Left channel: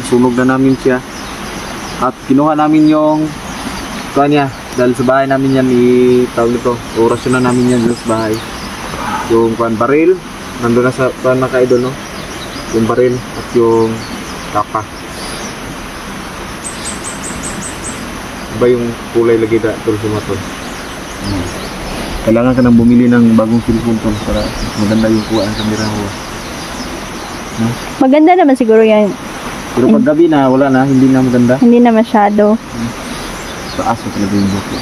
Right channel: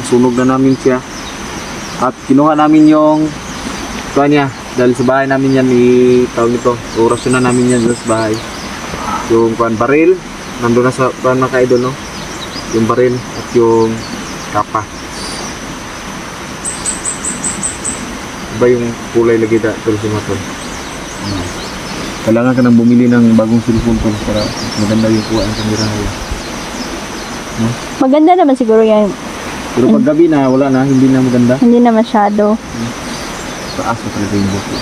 nasunog na namin siya. At kinuha namin yung niya dahil sa bahay namin yan tawag nito, orasyon na namin yan sa bahay. Yung baril, nandun na sa mga ka-idol, no? Yung baril at yung kapa. Iba yung kulay lagi tol si Matol. Kailangan ka nang bumili ng bagong cellphone tol para maganda yung kuha ng kamera mo. No? Maganda naman siguro yan. Pero pag gabi na, wala na, hindi na maganda. Hindi na masyado. Taas na talaga yung buhok ko.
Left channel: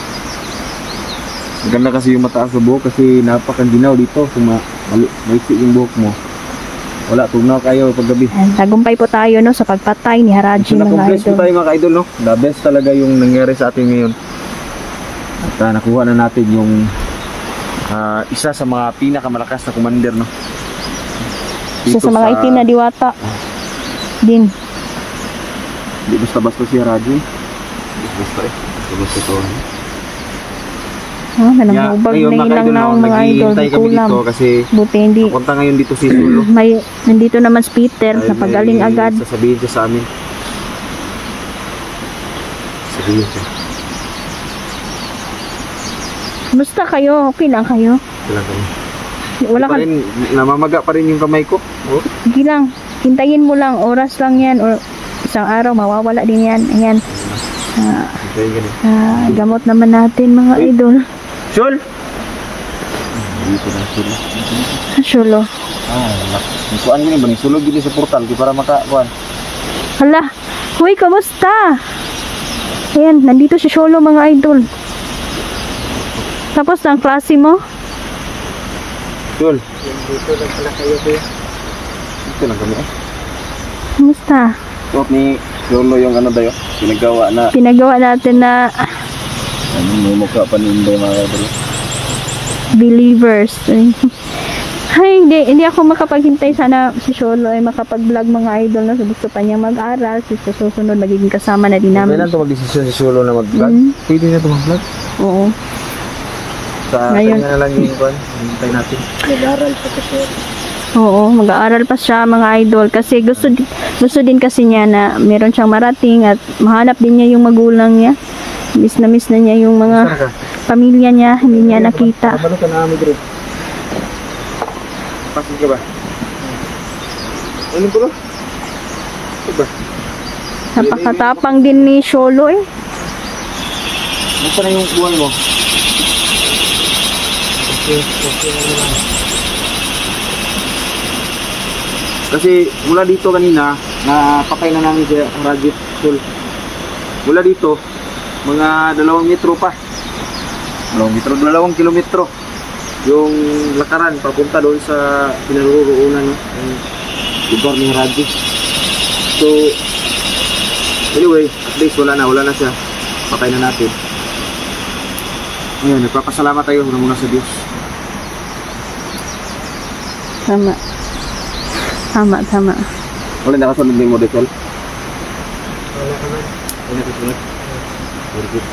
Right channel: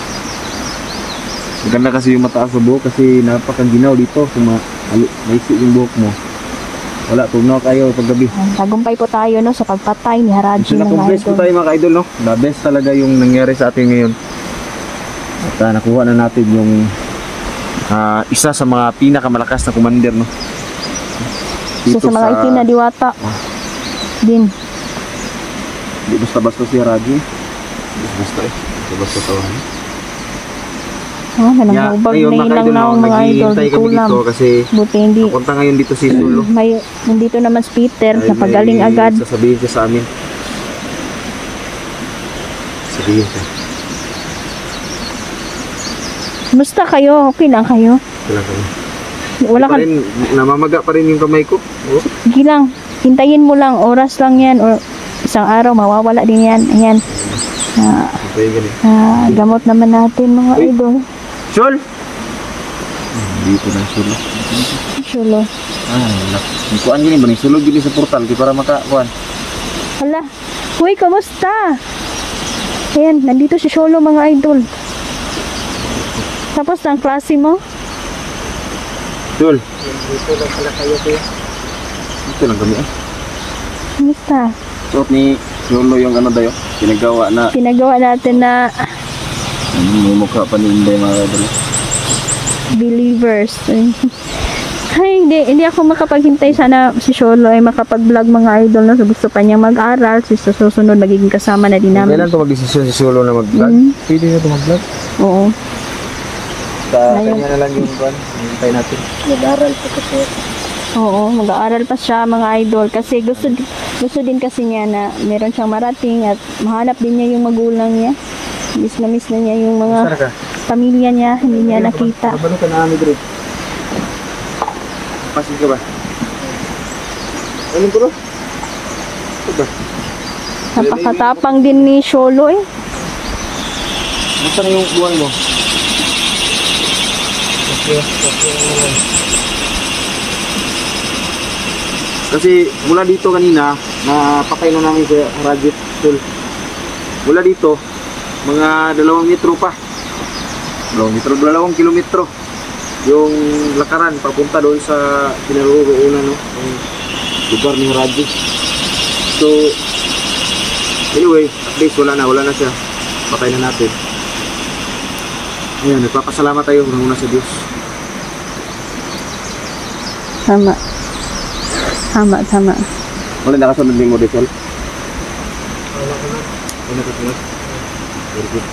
Maganda kasi yung mataas sa buhok kasi napakaginaw dito. Kung maiksi yung buhok mo, wala, tugnaw kayo pag gabi. Tagumpay po tayo no sa pagpatay ni Haraji mga na-compress po idol. tayo mga idol, no? The best talaga yung nangyari sa atin ngayon. At nakuha na natin yung isa sa mga pinakamalakas na commander, no? Isa sa mga itim na diwata din. Hindi basta-basta si Haraji. Basta-basta basta-basta tawahan. Oh, nananghubag na ilang na ang mga idol. Kulam. Kasi buti hindi. Napunta ngayon dito si Sulo. Nandito naman si Peter. Napagaling agad. Sasabihin siya sa amin. Sabihin siya. Kumusta kayo? Okay lang kayo? Okay lang kayo. Wala ka rin, namamaga pa rin yung kamay ko. Oh. Sige lang. Hintayin mo lang. Oras lang yan. O isang araw mawawala din yan. Ayan. Gamot naman natin mga idol. Sul! Dito na Sul. Sulo. Kuan gini ba ni sulod gini sa portal di para makakuan. Hala. Hoy, kamusta? Ayan, nandito si Sulo mga idol. Tapos ang klase mo? Sul. Dito lang pala kayo kuya. Dito lang kami. Kamusta? Suot ni Sulo yung ano dayo. Pinagawa natin na may mukha pa ninday mga idol. Believers. Ay, hindi ako makapaghintay. Sana si Sholo ay makapag-vlog mga idol na gusto pa niya mag-aral. Sa susunod magiging kasama na din namin. Hindi na ito mag-desisyon si Sholo na mag-vlog? Pwede na ito mag-vlog? Oo. Kanya na lang yung kwan. Hintay natin. Mag-aral pa kasi. Oo, mag-aaral pa siya mga idol. Kasi gusto din kasi niya na meron siyang marating at mahanap din niya yung magulang niya. Miss na niya yung mga pamilya niya. Hindi niya nakita. Kabalo ka na kami dito. Pasig ka ba? Anong ko? Ito ba? Napakatapang din ni Sholo eh. Basta na yung buwan mo? Okay. Kasi mula dito kanina, napakay na namin sa Rajit Sul. Mula dito, mga 2 metro pa. 2 kilometro. Yung lakaran papunta doon sa pinaroroonan, no, yung lugar ni Haraji. So anyway, at least wala na siya. Patay na natin. Ayan, nagpapasalamat tayo unang-una sa Diyos. Tama. Wala nakasunod ni mo, Desel? Wala naman. Wala nakasunod? Very good.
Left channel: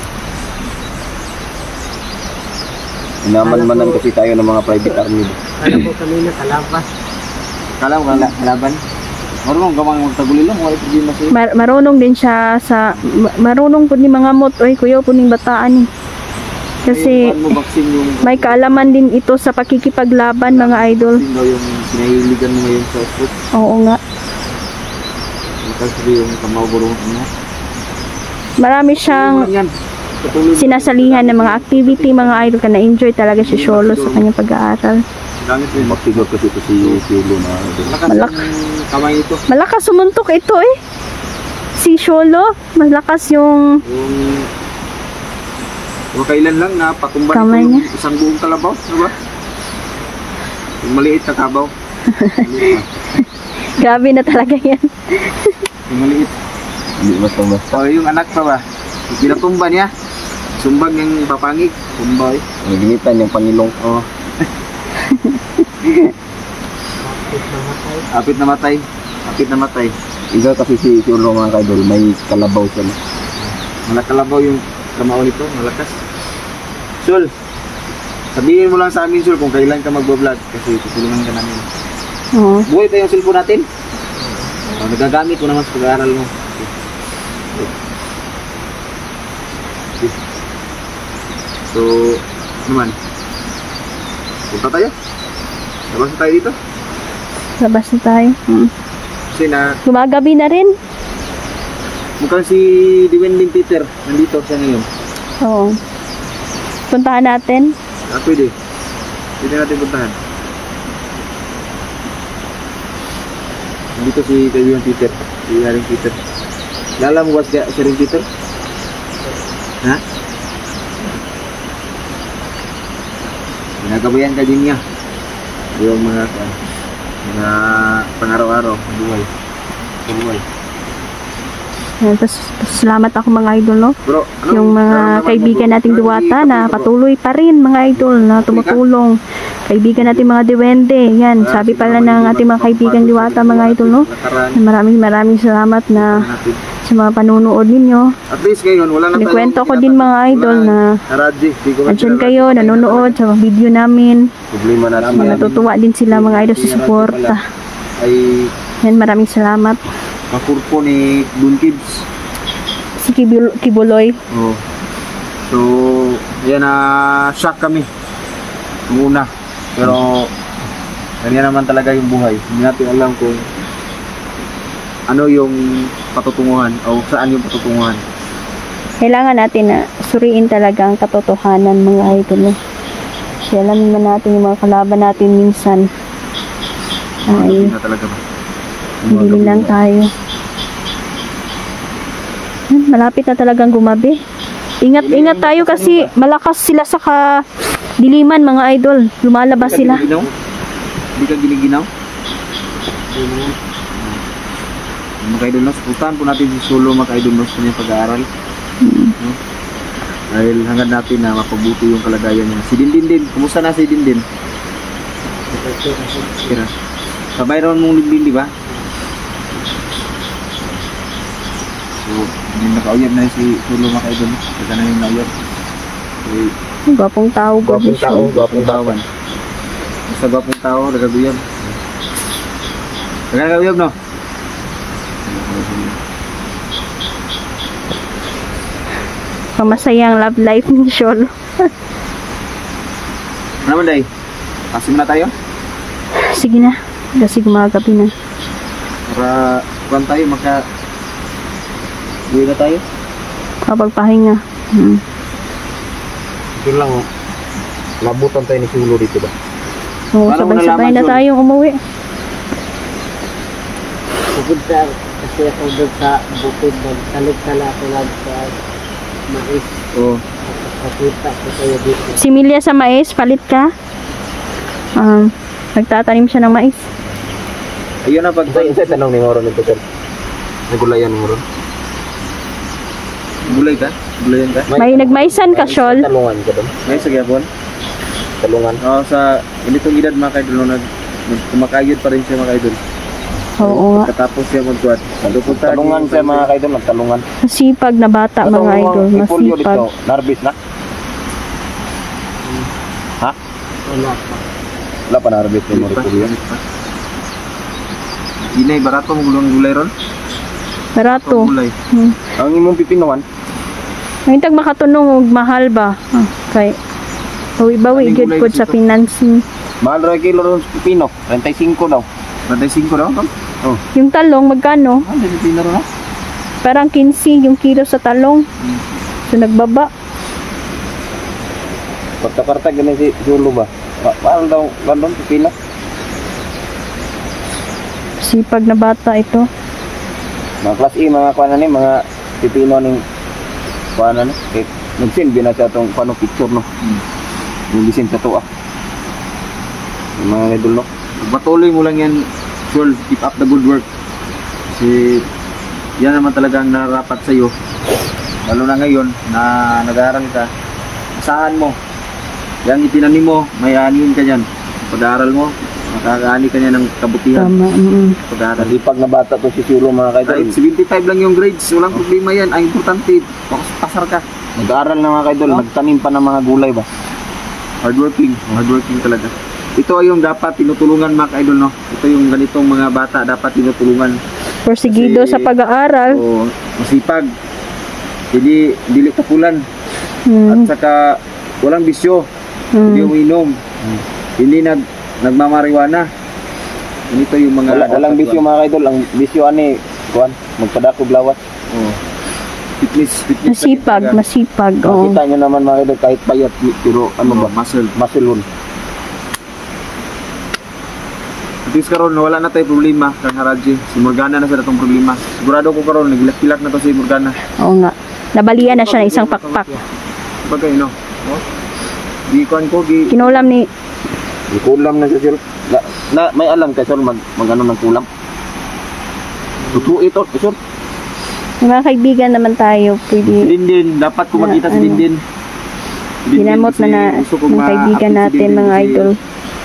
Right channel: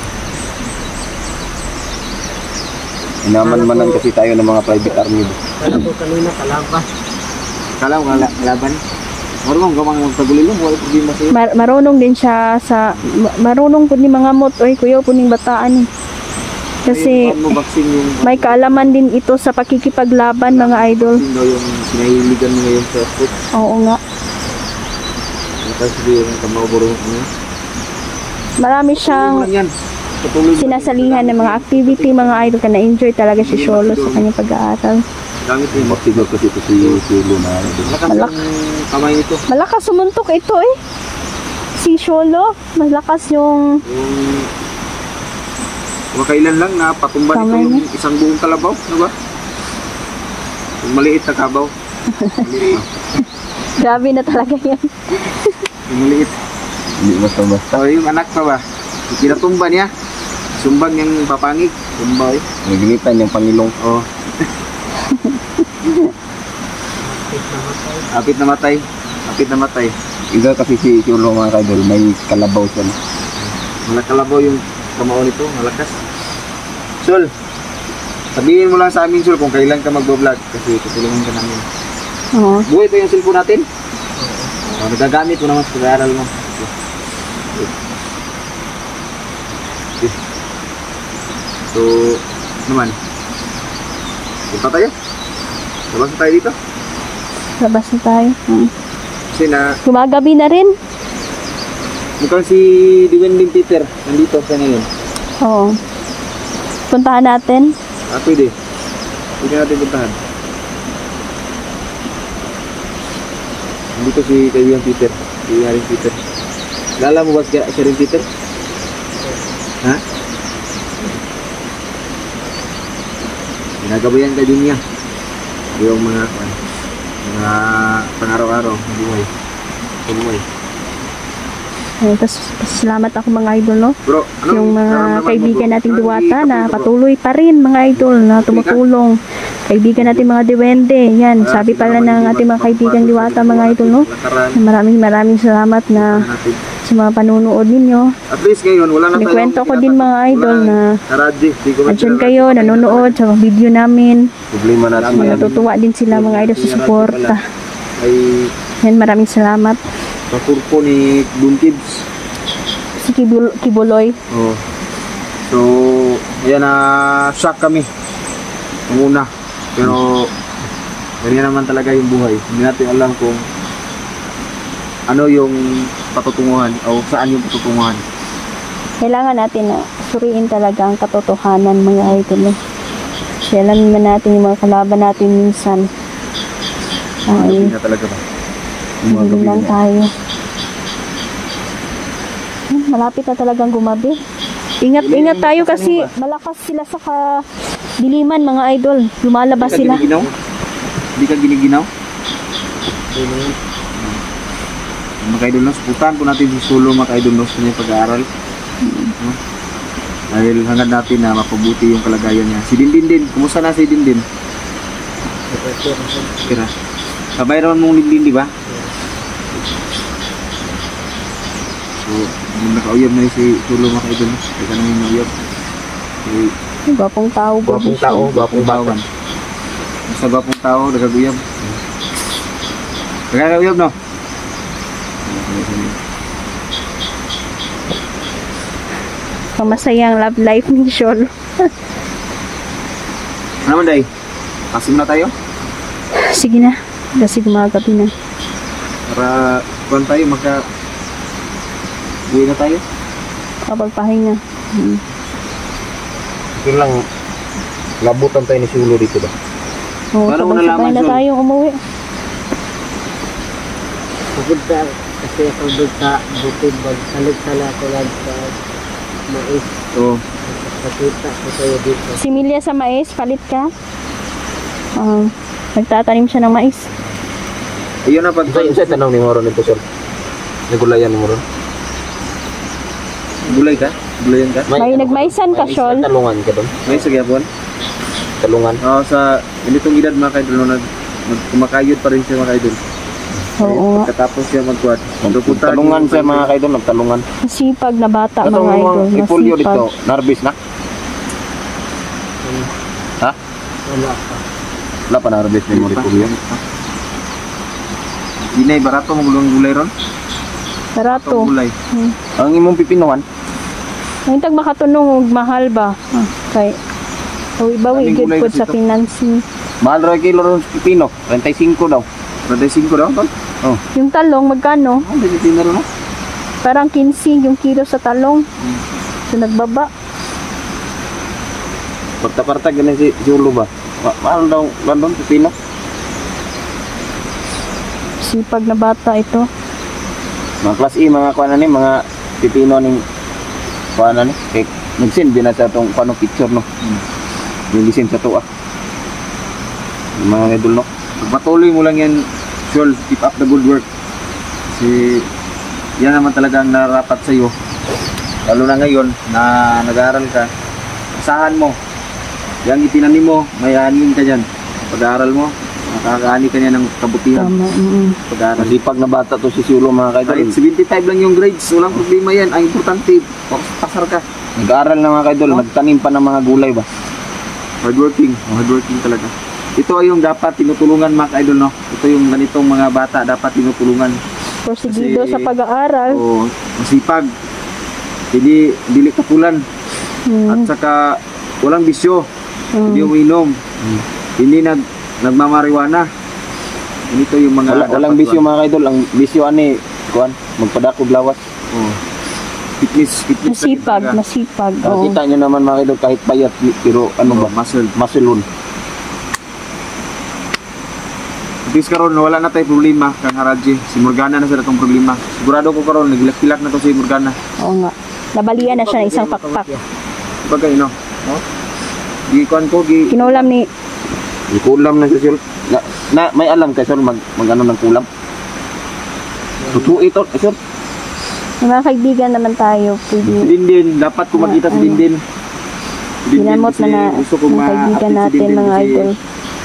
Inaman-manan kasi tayo ng mga private army. Kala ko kanina kalaban. Kala mo kalaban? Marunong ka mga magtagulilo, wala problema sa'yo. Marunong din siya sa marunong po ni mga mot oy kuya po ning bataan eh. Kasi may kaalaman din ito sa pakikipaglaban mga idol. Sino yung pinahiligan mo ngayon sa foot? Oo nga. Nakasili yung kamao-burong niya. Marami siyang sinasalihan ng mga activity mga idol ka na-enjoy talaga si Sholo sa kanyang pag-aaral. Gamit mo yung maktigor kasi ito si Sholo na malakas yung kamay nito. Malakas sumuntok ito eh. Si Sholo, malakas yung kailan lang na patumba nito yung isang buong kalabaw, ano ba? Yung maliit na kabaw. Grabe na talaga yan. Yung maliit. Hindi basta-basta. O yung anak pa ba? Yung pinatumba niya. Sumbag niyang papangig. Tumba eh. Naginitan yung pangilong. Oo. Apit na matay. Iga kasi si Ulo mga kaidol, may kalabaw siya. Malakalabaw yung kamao nito, malakas. Sul, sabihin mo lang sa amin Sul kung kailan ka mag-vlog kasi tutulungan ka namin. Oo. Buhay pa yung cellphone natin? nagagamit mo naman sa pag-aaral mo. Okay. Okay. So, naman. Punta tayo. Labas na tayo dito. Labas na tayo. Kasi Gumagabi na rin. mukhang si Diwending Peter nandito siya ngayon. Oo. Puntahan natin. Pwede. Pwede natin puntahan. Nandito si kaibigan Peter. Si Haring Peter. Lala mo ba si Haring Peter? Ha? Ginagabayan ka din niya. Yung mga pang-araw-araw na buhay. Sa buhay. Salamat ako mga idol, no? Bro, Yung mga kaibigan nating Diwata na patuloy pa rin mga idol na tumutulong. Kaibigan natin mga Diwende. Yan, sabi pala ng ating mga kaibigan Diwata mga idol, no? Maraming salamat na sa mga panunood ninyo. At least ngayon, wala na tayong Nikwento ko din mga idol na andyan kayo, nanonood sa video namin. problema natin. Natutuwa din sila mga idol sa suporta. Ay Yan, maraming salamat. kakurpo ni Boom Kids. Si Kibuloy. Oh. So, ayan na shock kami. Nung una. Pero ganyan naman talaga yung buhay. Hindi natin alam kung ano yung patutunguhan o saan yung patutunguhan. Kailangan natin na suriin talaga ang katotohanan mga idol. Alam naman natin yung mga kalaban natin minsan. Ay, Na talaga ba? hindi lang tayo. Malapit na talagang gumabi. Ingat tayo kasi malakas sila sa diliman mga idol. Lumalabas sila. Hindi ka giniginaw? Mga idol, suportahan po natin si Solo mga idol sa kanyang pag-aaral. No? Dahil hangad natin na mapabuti yung kalagayan niya. Si Dindin din, kumusta na si Dindin? Kira. Kabay naman mong Dindin, di ba? So, hindi nakauyab na si Solo mga idol. Kaya na yung nauyab. Okay. Gwapong tao, Gwapong tao. Basta gwapong tao, nagaguyab. Nagaguyab, no? Pamasayang love life ni Solo. Ano naman, Day? Kasim na tayo? Sige na. Kasi gumagabi na. Para kuhan tayo, uwi na tayo. Kapagpahinga. Ito lang, labutan tayo ni Sulo dito ba? Oo, Paano mo sabay-sabay nalaman, na Sol? tayong umuwi. Bukod sa, kasi ako doon sa bukid, magsalit sala ako lang sa mais. Oo. Nakita ko kayo dito. Si Milya sa mais, palit ka. Nagtatanim siya ng mais. Ayun na, pag Isa tanong ni Moron nito, sir. Nagulayan ni Moron. gulay ka? Gulayan ka? May nagmaisan ka, Shol. Talungan ka doon. May sa Gyapon? Talungan. Oo, sa ganitong edad mga kaidol, kumakayod pa rin siya mga kaidol. Oo nga. Pagkatapos siya magkuhat. Talungan siya mga kaidol, nagtalungan. Masipag na bata mga idol. Ipulyo dito, Masipag. narbis na. Ha? Wala pa. Wala pa narbis ni Moripulyo. Inay, barato mo gulay ron? Barato. Gulay. Ang imong pipinuhan, May tag makatunong og mahal ba? Kay bawi Daming gyud gulay pod kasi sa ito. financing. mahal rin kilo ron sa pipino, 35 daw. 35 daw? Oh. Yung talong magkano? Hindi tinari mo? Parang 15 yung kilo sa talong. So nagbaba. Parta-parta ganun si Zulo ba? Mahal daw, bandong pipino. Sipag na bata ito. Mga class E, mga kuha na ni, mga pipino ni kuha na ni. Kaya nagsin, binasa itong paano picture no. Yung bisin sa tuwa. Yung mga idol no. Pagpatuloy mo lang yan, Shol, keep up the good work. Kasi yan naman talaga ang nararapat sa iyo. Lalo na ngayon na nag-aaral ka, asahan mo. Yan ipinanim mo, may anin ka dyan. Pag-aaral mo, makakaani ka niya ng kabutihan. Tama. Pag-aaral. Pag nabata to si Zulo mga Kahit kaidol. 75 lang yung grades, walang problema yan. Ang importante, pasar ka. Nag-aaral na mga kaidol, nagtanim pa ng mga gulay ba? Hardworking talaga. Ito ay yung dapat tinutulungan mga ka-idol, no? Ito yung ganitong mga bata dapat tinutulungan. Porsigido Kasi- sa pag-aaral. O masipag. Dili kapulan. At Mm. saka walang bisyo. Hindi Mm. uminom. Hindi nagmamariwana. Ganito yung mga Walang bisyo mga kaidol. Ang bisyo ani, kuan, magpadakog lawas. Oh. Fitness Masipag, masipag. Oo. Makita nyo naman mga kaidol kahit payat pero ano ba, muscle. masulon. At least karon wala na tayo problema kang Haraji. Si Morgana na sa datong problema. Sigurado ko karon nagilak-kilak na to si Morgana. Oo nga. Nabalian na siya ng isang pakpak. Bagay no. Oh. Di kuan ko gi Kinulam ni May kulam na siya, Sol. May alam ka, Sol, mag ano ng kulam? Tutu ito, Sol. mga kaibigan naman tayo. Pwede. Dindin, dapat ko makita si Dindin. Ginamot na na mga kaibigan natin, mga idol.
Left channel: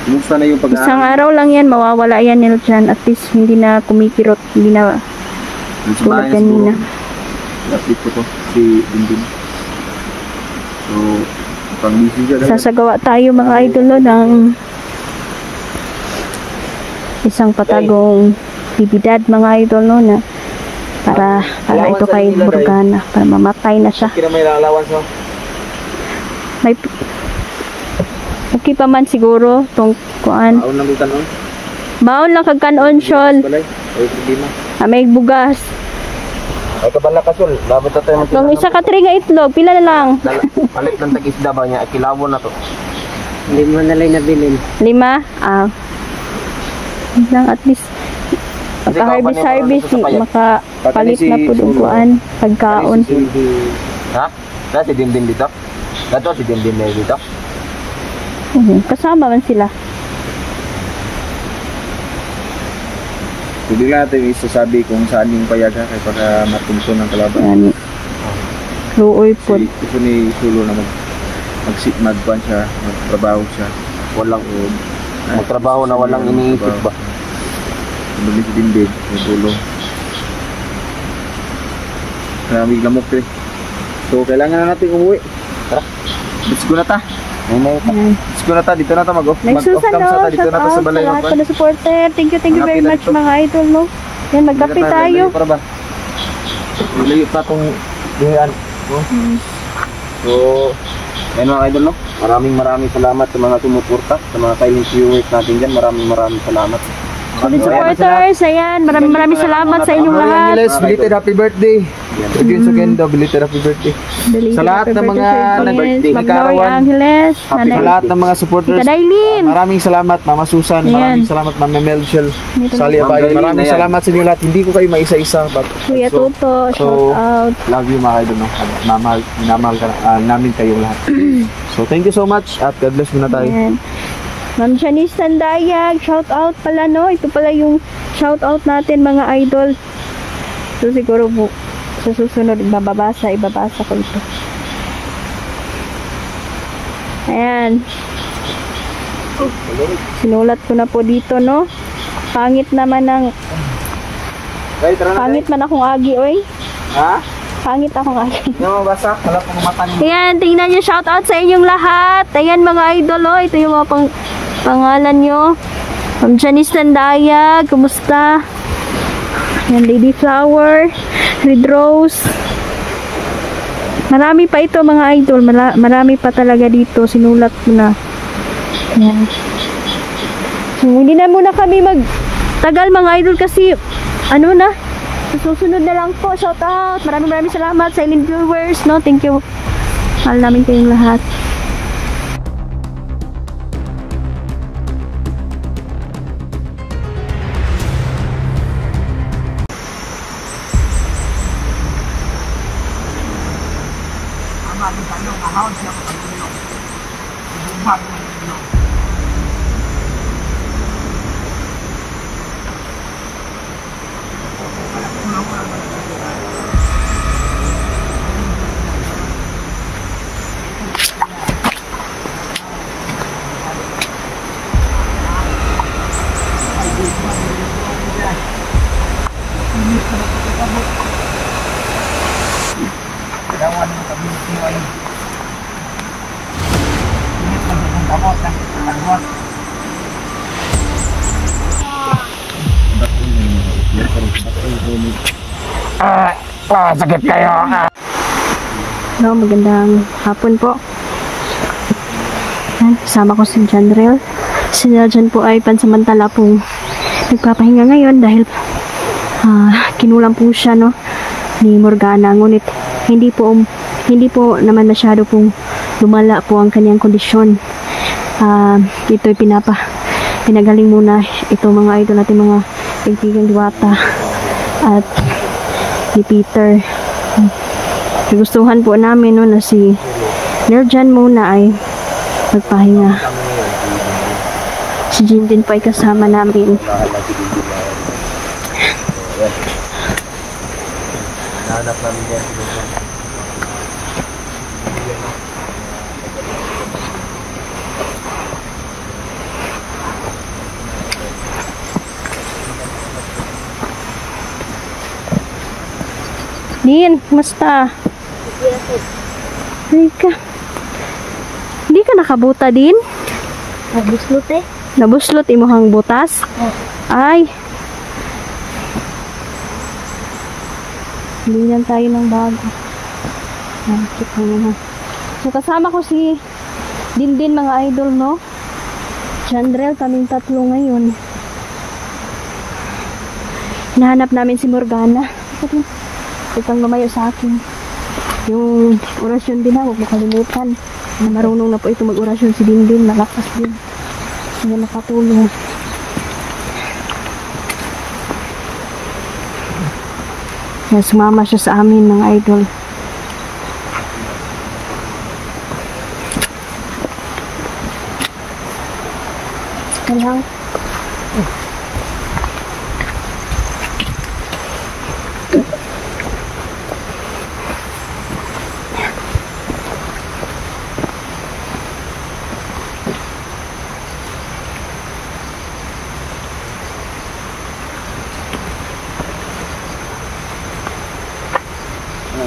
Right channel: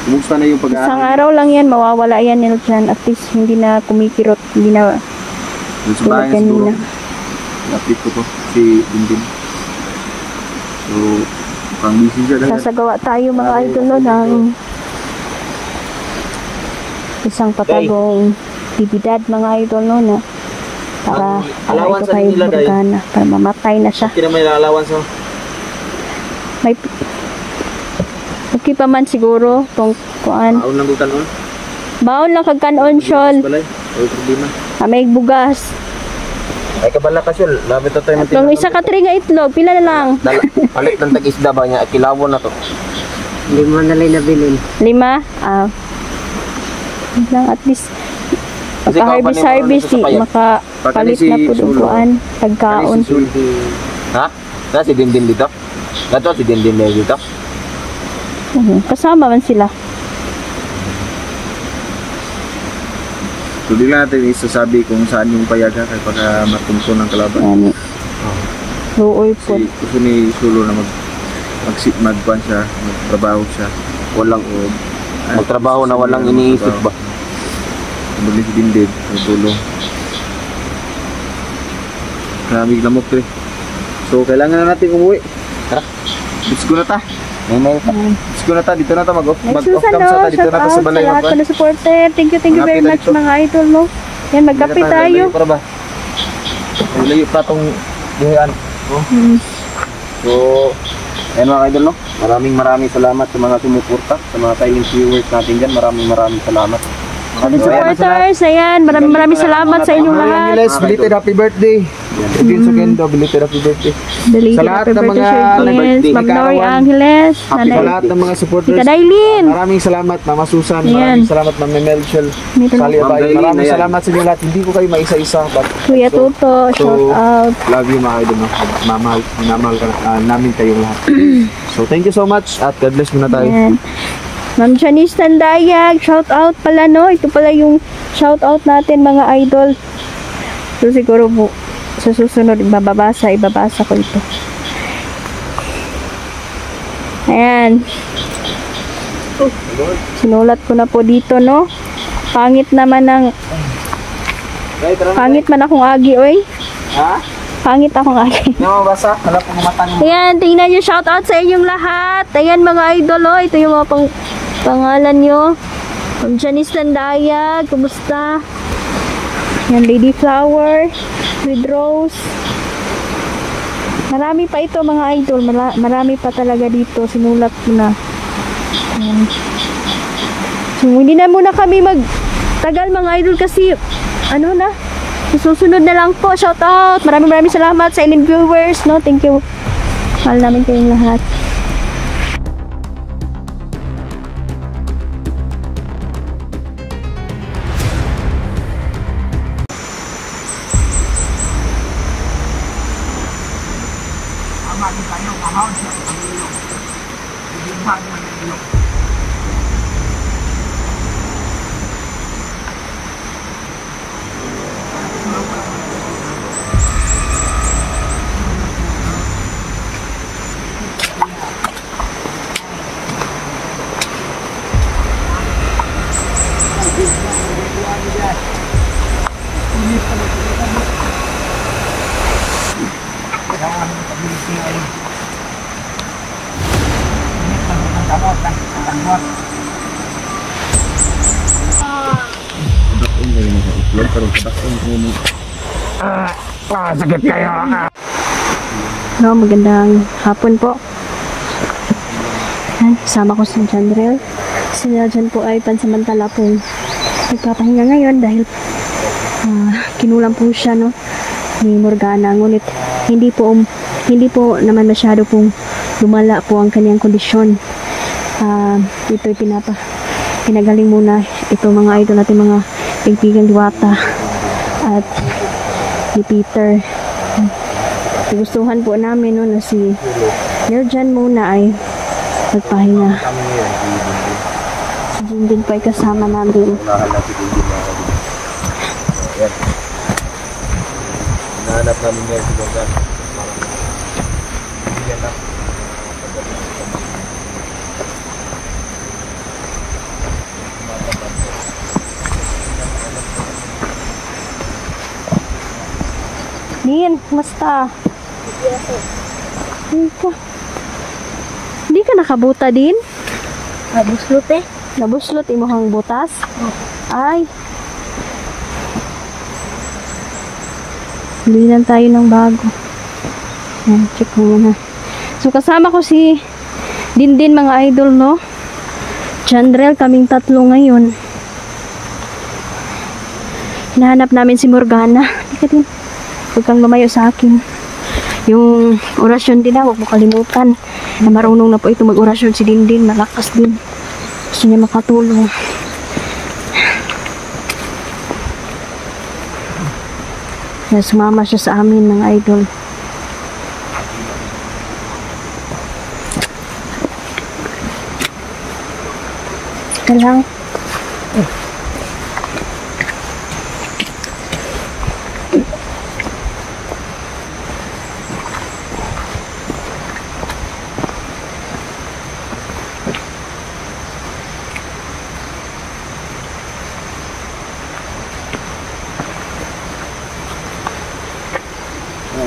Kumusta na yung Isang pag-aaral? araw lang yan, mawawala yan nila dyan. At least hindi na kumikirot, hindi na Sa tulad bahay siguro. kanina. I-update ko to, si Dindin. So, pang busy siya. guys. Sasagawa tayo mga idol no, ng isang patagong bibidad mga idol no, na para ito kay Morgana, para mamatay na siya. Kina may allowance mo? May okay pa man siguro tong kuan. Aon lang ko kanon. Baon lang kag kanon Sol. Balay. Ay, problema. May bugas. Ay, kabala ka, Sol. Labit ito yung Kung isa ka tri nga itlog, pila na lang? Palit ng tag-isda ba niya? Kilawon na to. 5 na lang nabilin. 5? Yun lang at least pagka-harvest makapalit na po ng kuan, pagkaon. Ha? Na si Dindin dito? Nato si Dindin na dito? Kasama man sila. So, di lang natin isasabi kung saan yung payaga kaya pagka matungso ng kalaban. Yan. Luoy po. Gusto ni Sulo na magkuhan siya, magtrabaho siya. Walang magtrabaho na walang iniisip ba? Dumi si Dindin, may tulong. Maraming lamok eh. So, kailangan na natin umuwi. Tara. Let's go na ta. Let's go na ta. Dito na ta mag-off Nagsusan cam no, sa ta. Dito shout na ta out sa sa balay. lahat po na supporter. Thank you very much mga idol no. Yan, magkape tayo. Layo pa tong buhayan. So, ayun mga idol, no? Maraming salamat sa mga sumuporta, sa mga silent viewers natin dyan. Maraming salamat. Solid supporters, ayan. Maraming salamat sa inyong lahat. Angeles, belated happy birthday. Edwin Sugendo, belated happy birthday. Sa lahat ng mga nag-birthday, Ma'am Nori Angeles, Sa lahat ng mga supporters, Tita Dailin. maraming salamat Mama Susan, Ayan. maraming salamat Ma'am Melchel, Sally Ma'am Abay, Dailin, maraming ayan. salamat sa inyo lahat. Hindi ko kayo maisa-isa, but Kuya Toto, shout out. love you mga idol, no? Minamahal ka, namin kayong lahat. So thank you so much at God bless muna tayo. Ayan. Ma'am Janice Tandayag, shout out pala no. Ito pala yung shout out natin mga idol. So siguro po sa susunod ibabasa ko ito. Ayan. Sinulat ko na po dito no. Pangit man akong agi oy. Ha? Pangit akong agi. Yung mabasa, alam ko mata niyo. Ayan, tingnan nyo, shout out sa inyong lahat. Ayan mga idol, oh. Ito yung mga pangalan nyo. Ma'am Janice Tandayag, kumusta? Ayan, Lady Flower, Red Rose. Marami pa ito mga idol, marami pa talaga dito. Sinulat ko na. Ayan. So, hindi na muna kami magtagal mga idol kasi, ano na, susunod na lang po. Shout out. Maraming salamat sa inyong viewers. No, thank you. Mahal namin kayong lahat. No, magandang hapon po. Yan, kasama ko si Janrel. Si Jan po ay pansamantala pong nagpapahinga ngayon dahil kinulang po siya, no, ni Morgana. Ngunit hindi po naman masyado pong lumala po ang kanyang kondisyon. Ito'y pinagaling muna ito mga idol natin, mga kaibigan Diwata at ni Peter. Nagustuhan po namin, no, na si Nerjan muna ay magpahinga. Si Jim din po ay kasama namin. Nahanap namin yan si Nerjan. Din, kumusta? Hindi ka nakabuta din? Nabuslot eh. Nabuslot imuhang butas? Oh. Ay. Bilinan tayo ng bago. Ayan, check mo muna. So, kasama ko si Dindin mga idol, no? Janrel, kaming tatlo ngayon. Hinahanap namin si Morgana. Huwag kang lumayo sa akin. Yung orasyon din, huwag mo kalimutan na marunong na po ito mag-orasyon si Dindin. Malakas din. Gusto niya makatulong. Kaya sumama siya sa amin mga idol. Ika lang.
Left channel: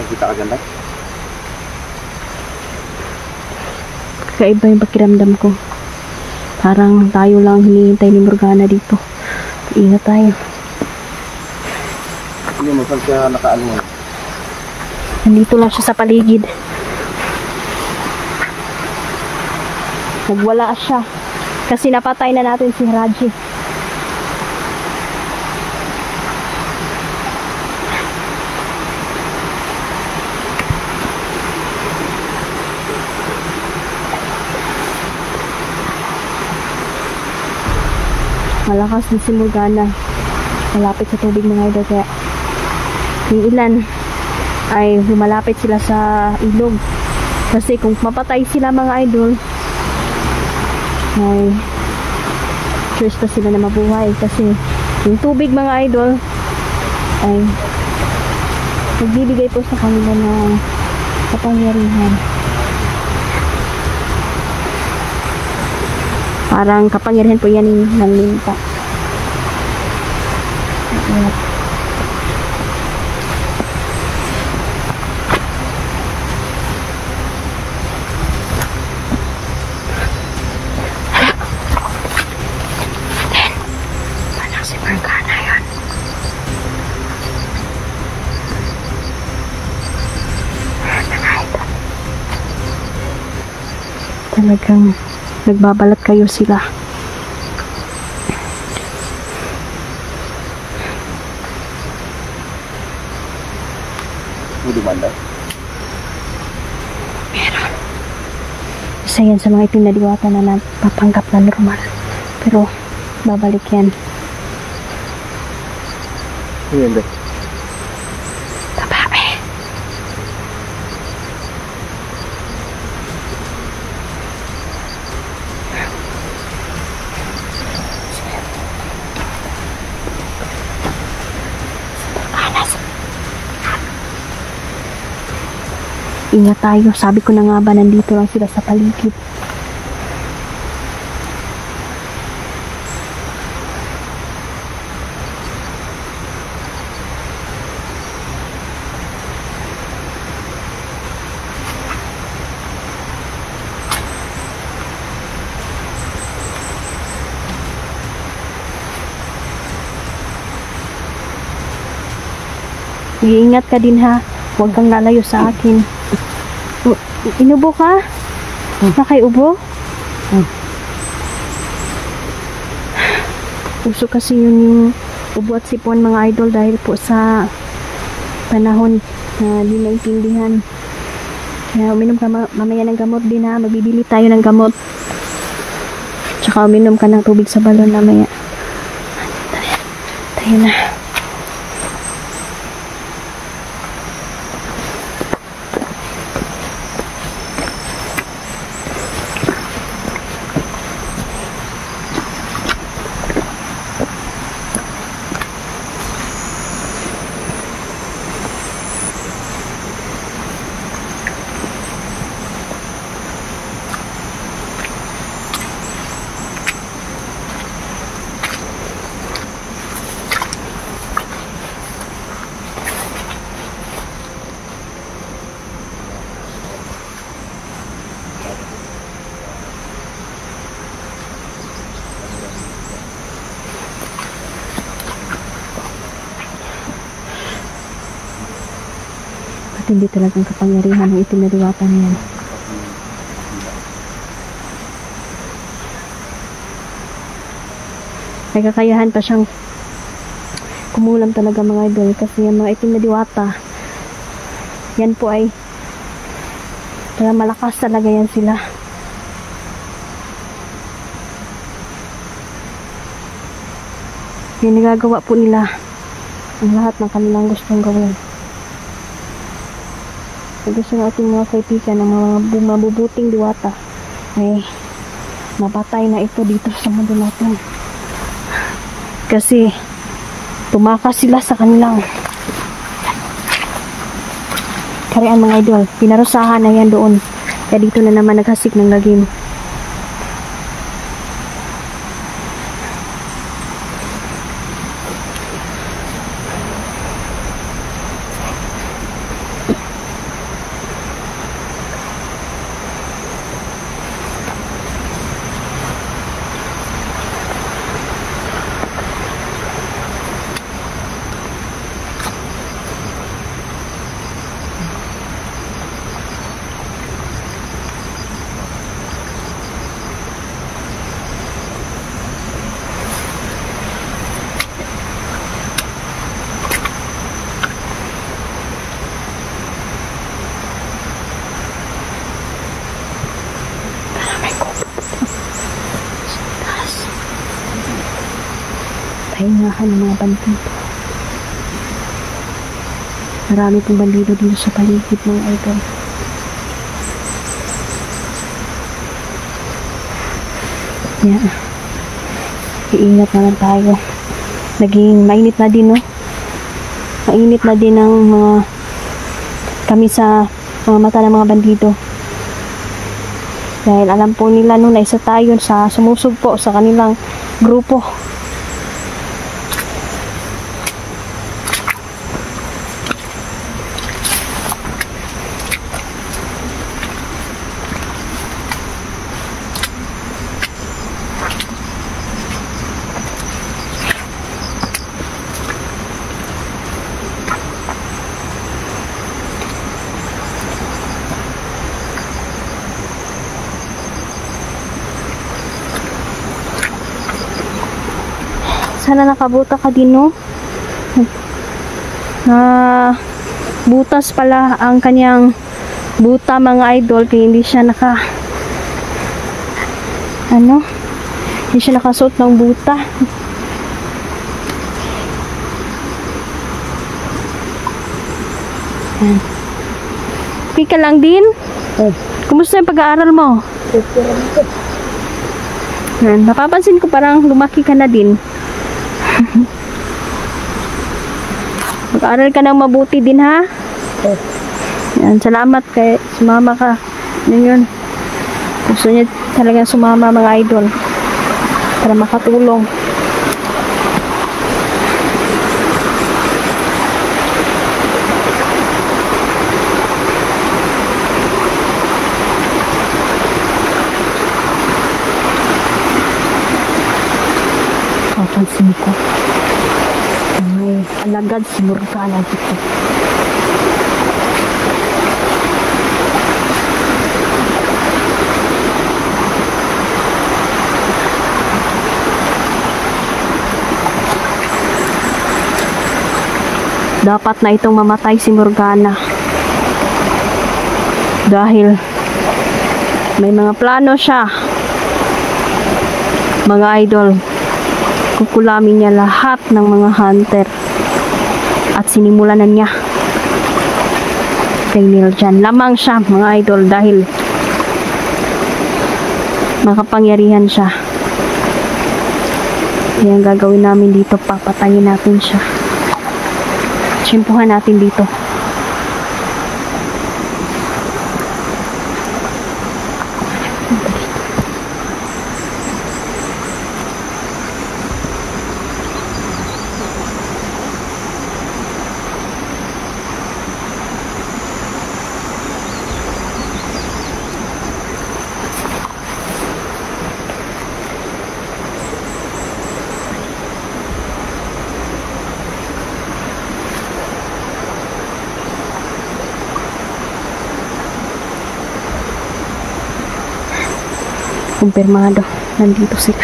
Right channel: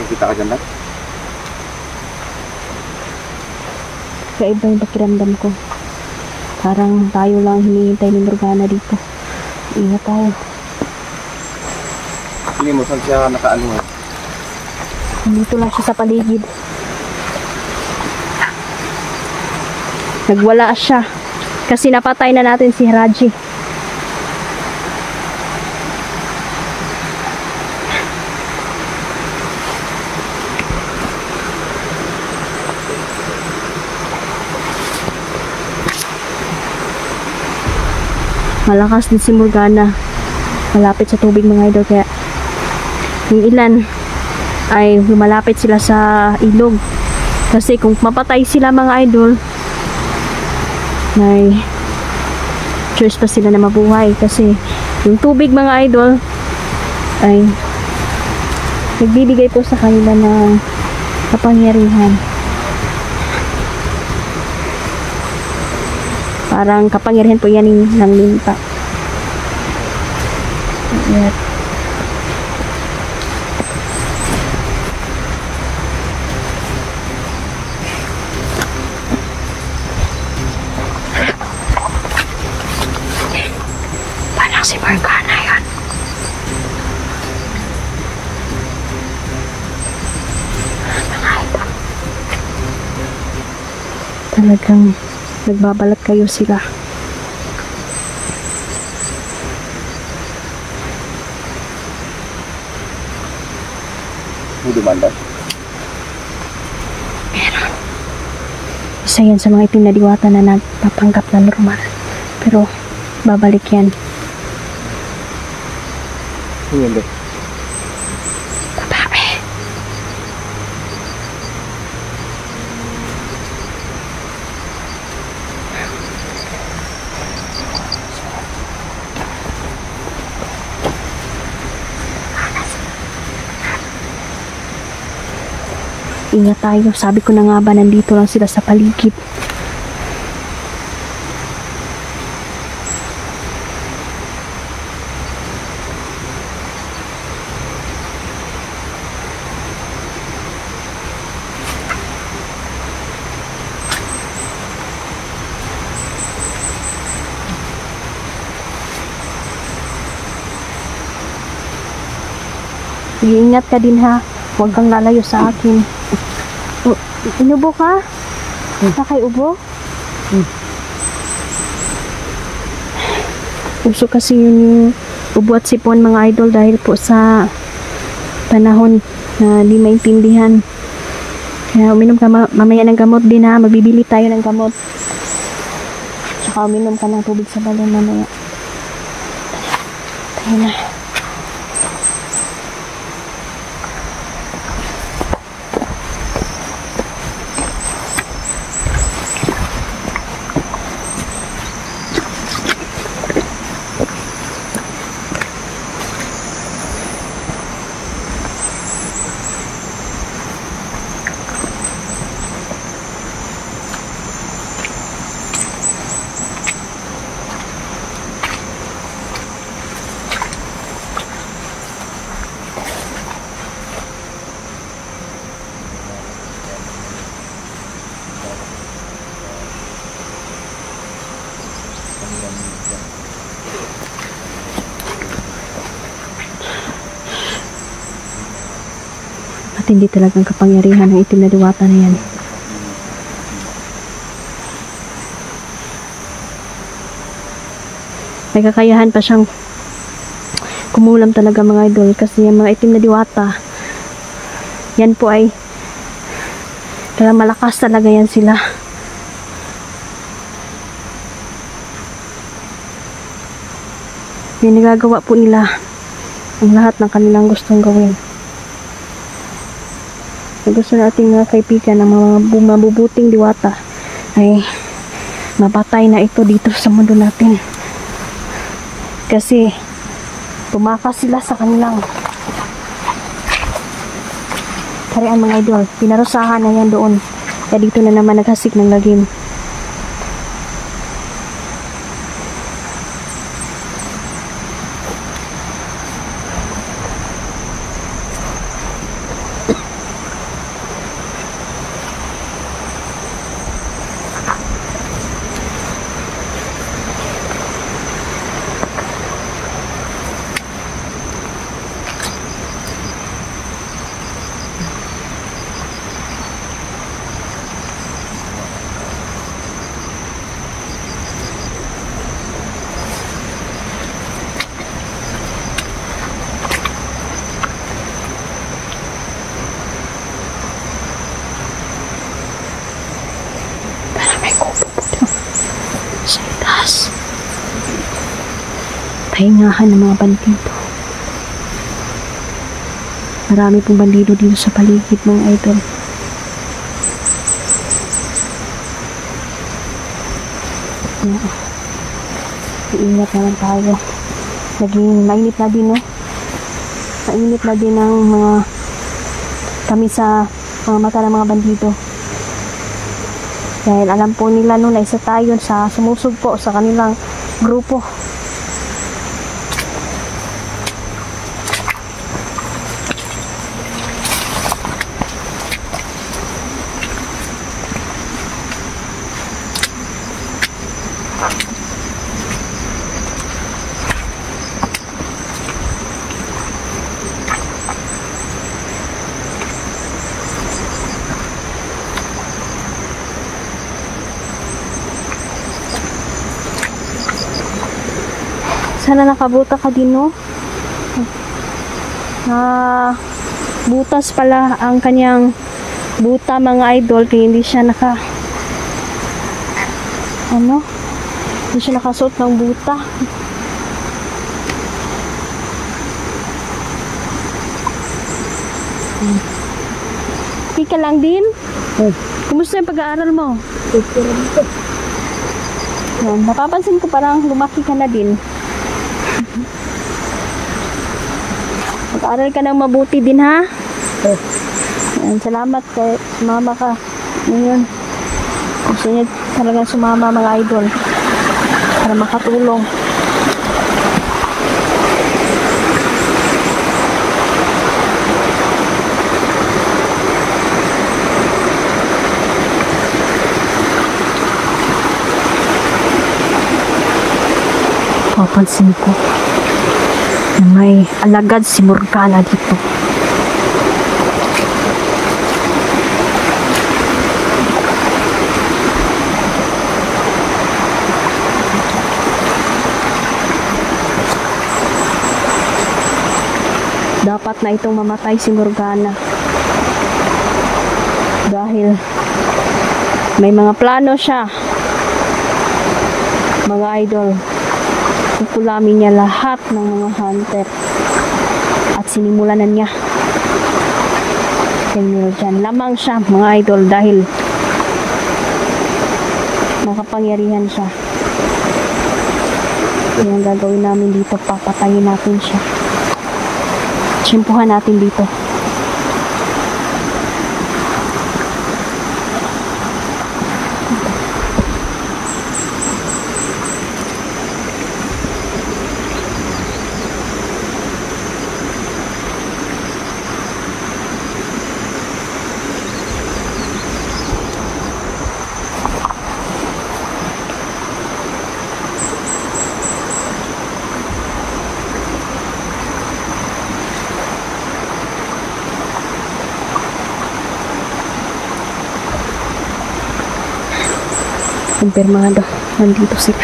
Kita ka dyan na? Kaiba yung pakiramdam ko. Parang tayo lang hinihintay ni Morgana dito. Ingat tayo. Hindi mo saan siya nakaano eh. Nandito lang siya sa paligid. Nagwala siya. Kasi napatay na natin si Raji. Malakas din si Morgana. Malapit sa tubig mga idol. Kaya yung ilan ay lumalapit sila sa ilog. Kasi kung mapatay sila mga idol, may choice pa sila na mabuhay. Kasi yung tubig mga idol ay nagbibigay po sa kanila ng kapangyarihan. Parang kapangyarihan po yan ng limpa. Ayan. Parang si Morgana yan. Talagang nagbabalat kayo sila. Hindi banda? Meron. Isa yan sa mga itim na diwata na nagpapanggap na normal. Pero babalik yan. Hindi ba? Babae. Ingat tayo. Sabi ko na nga ba, nandito lang sila sa paligid. Mag-iingat ka din ha. Huwag kang lalayo sa akin. Oh, inubo ka? Nakaiubo? Uso kasi yun yung ubo at sipon mga idol dahil po sa panahon na di maintindihan. Kaya uminom ka mamaya ng gamot din ha. Magbibili tayo ng gamot. Tsaka uminom ka ng tubig sa balon mamaya. Tayo na. Hindi talagang kapangyarihan ng itim na diwata na yan. Nagkakayahan pa siyang kumulam talaga mga idol kasi yung mga itim na diwata yan po ay kaya malakas talaga yan sila. Yung nagagawa po nila ang lahat ng kanilang gustong gawin. Gusto nating mga kaibigan ng mga mabubuting diwata ay mapatay na ito dito sa mundo natin. Kasi tumakas sila sa kanilang karian mga idol. Pinarusahan na yan doon. Kaya dito na naman naghasik ng lagim. Pahingahan ng mga bandido. Marami pong bandido dito sa paligid mga idol. Yan. Iingat naman tayo. Naging mainit na din, no? Mainit na din ang mga kami sa mga mata ng mga bandido. Dahil alam po nila no, na isa tayo sa sumusugpo sa kanilang grupo. Sana nakabuta ka din, no? Butas pala ang kanyang buta mga idol, kaya hindi siya hindi siya nakasuot ng buta. Okay ka lang din? Kumusta yung pag-aaral mo? Napapansin ko parang lumaki ka na din. Mag-aaral ka ng mabuti din, ha? Yan, salamat kay sumama ka. Yun. Gusto niya talaga sumama mga idol para makatulong. Papansin ko may alagad si Morgana dito. dapat na itong mamatay si Morgana. Dahil may mga plano siya. Mga idol, kukulamin niya lahat ng mga hunter. At sinimulan na niya kay Niljan. Lamang siya, mga idol, dahil makapangyarihan siya. Kaya ang gagawin namin dito, papatayin natin siya. Tsimpuhan natin dito. Kumpirmado, nandito sila.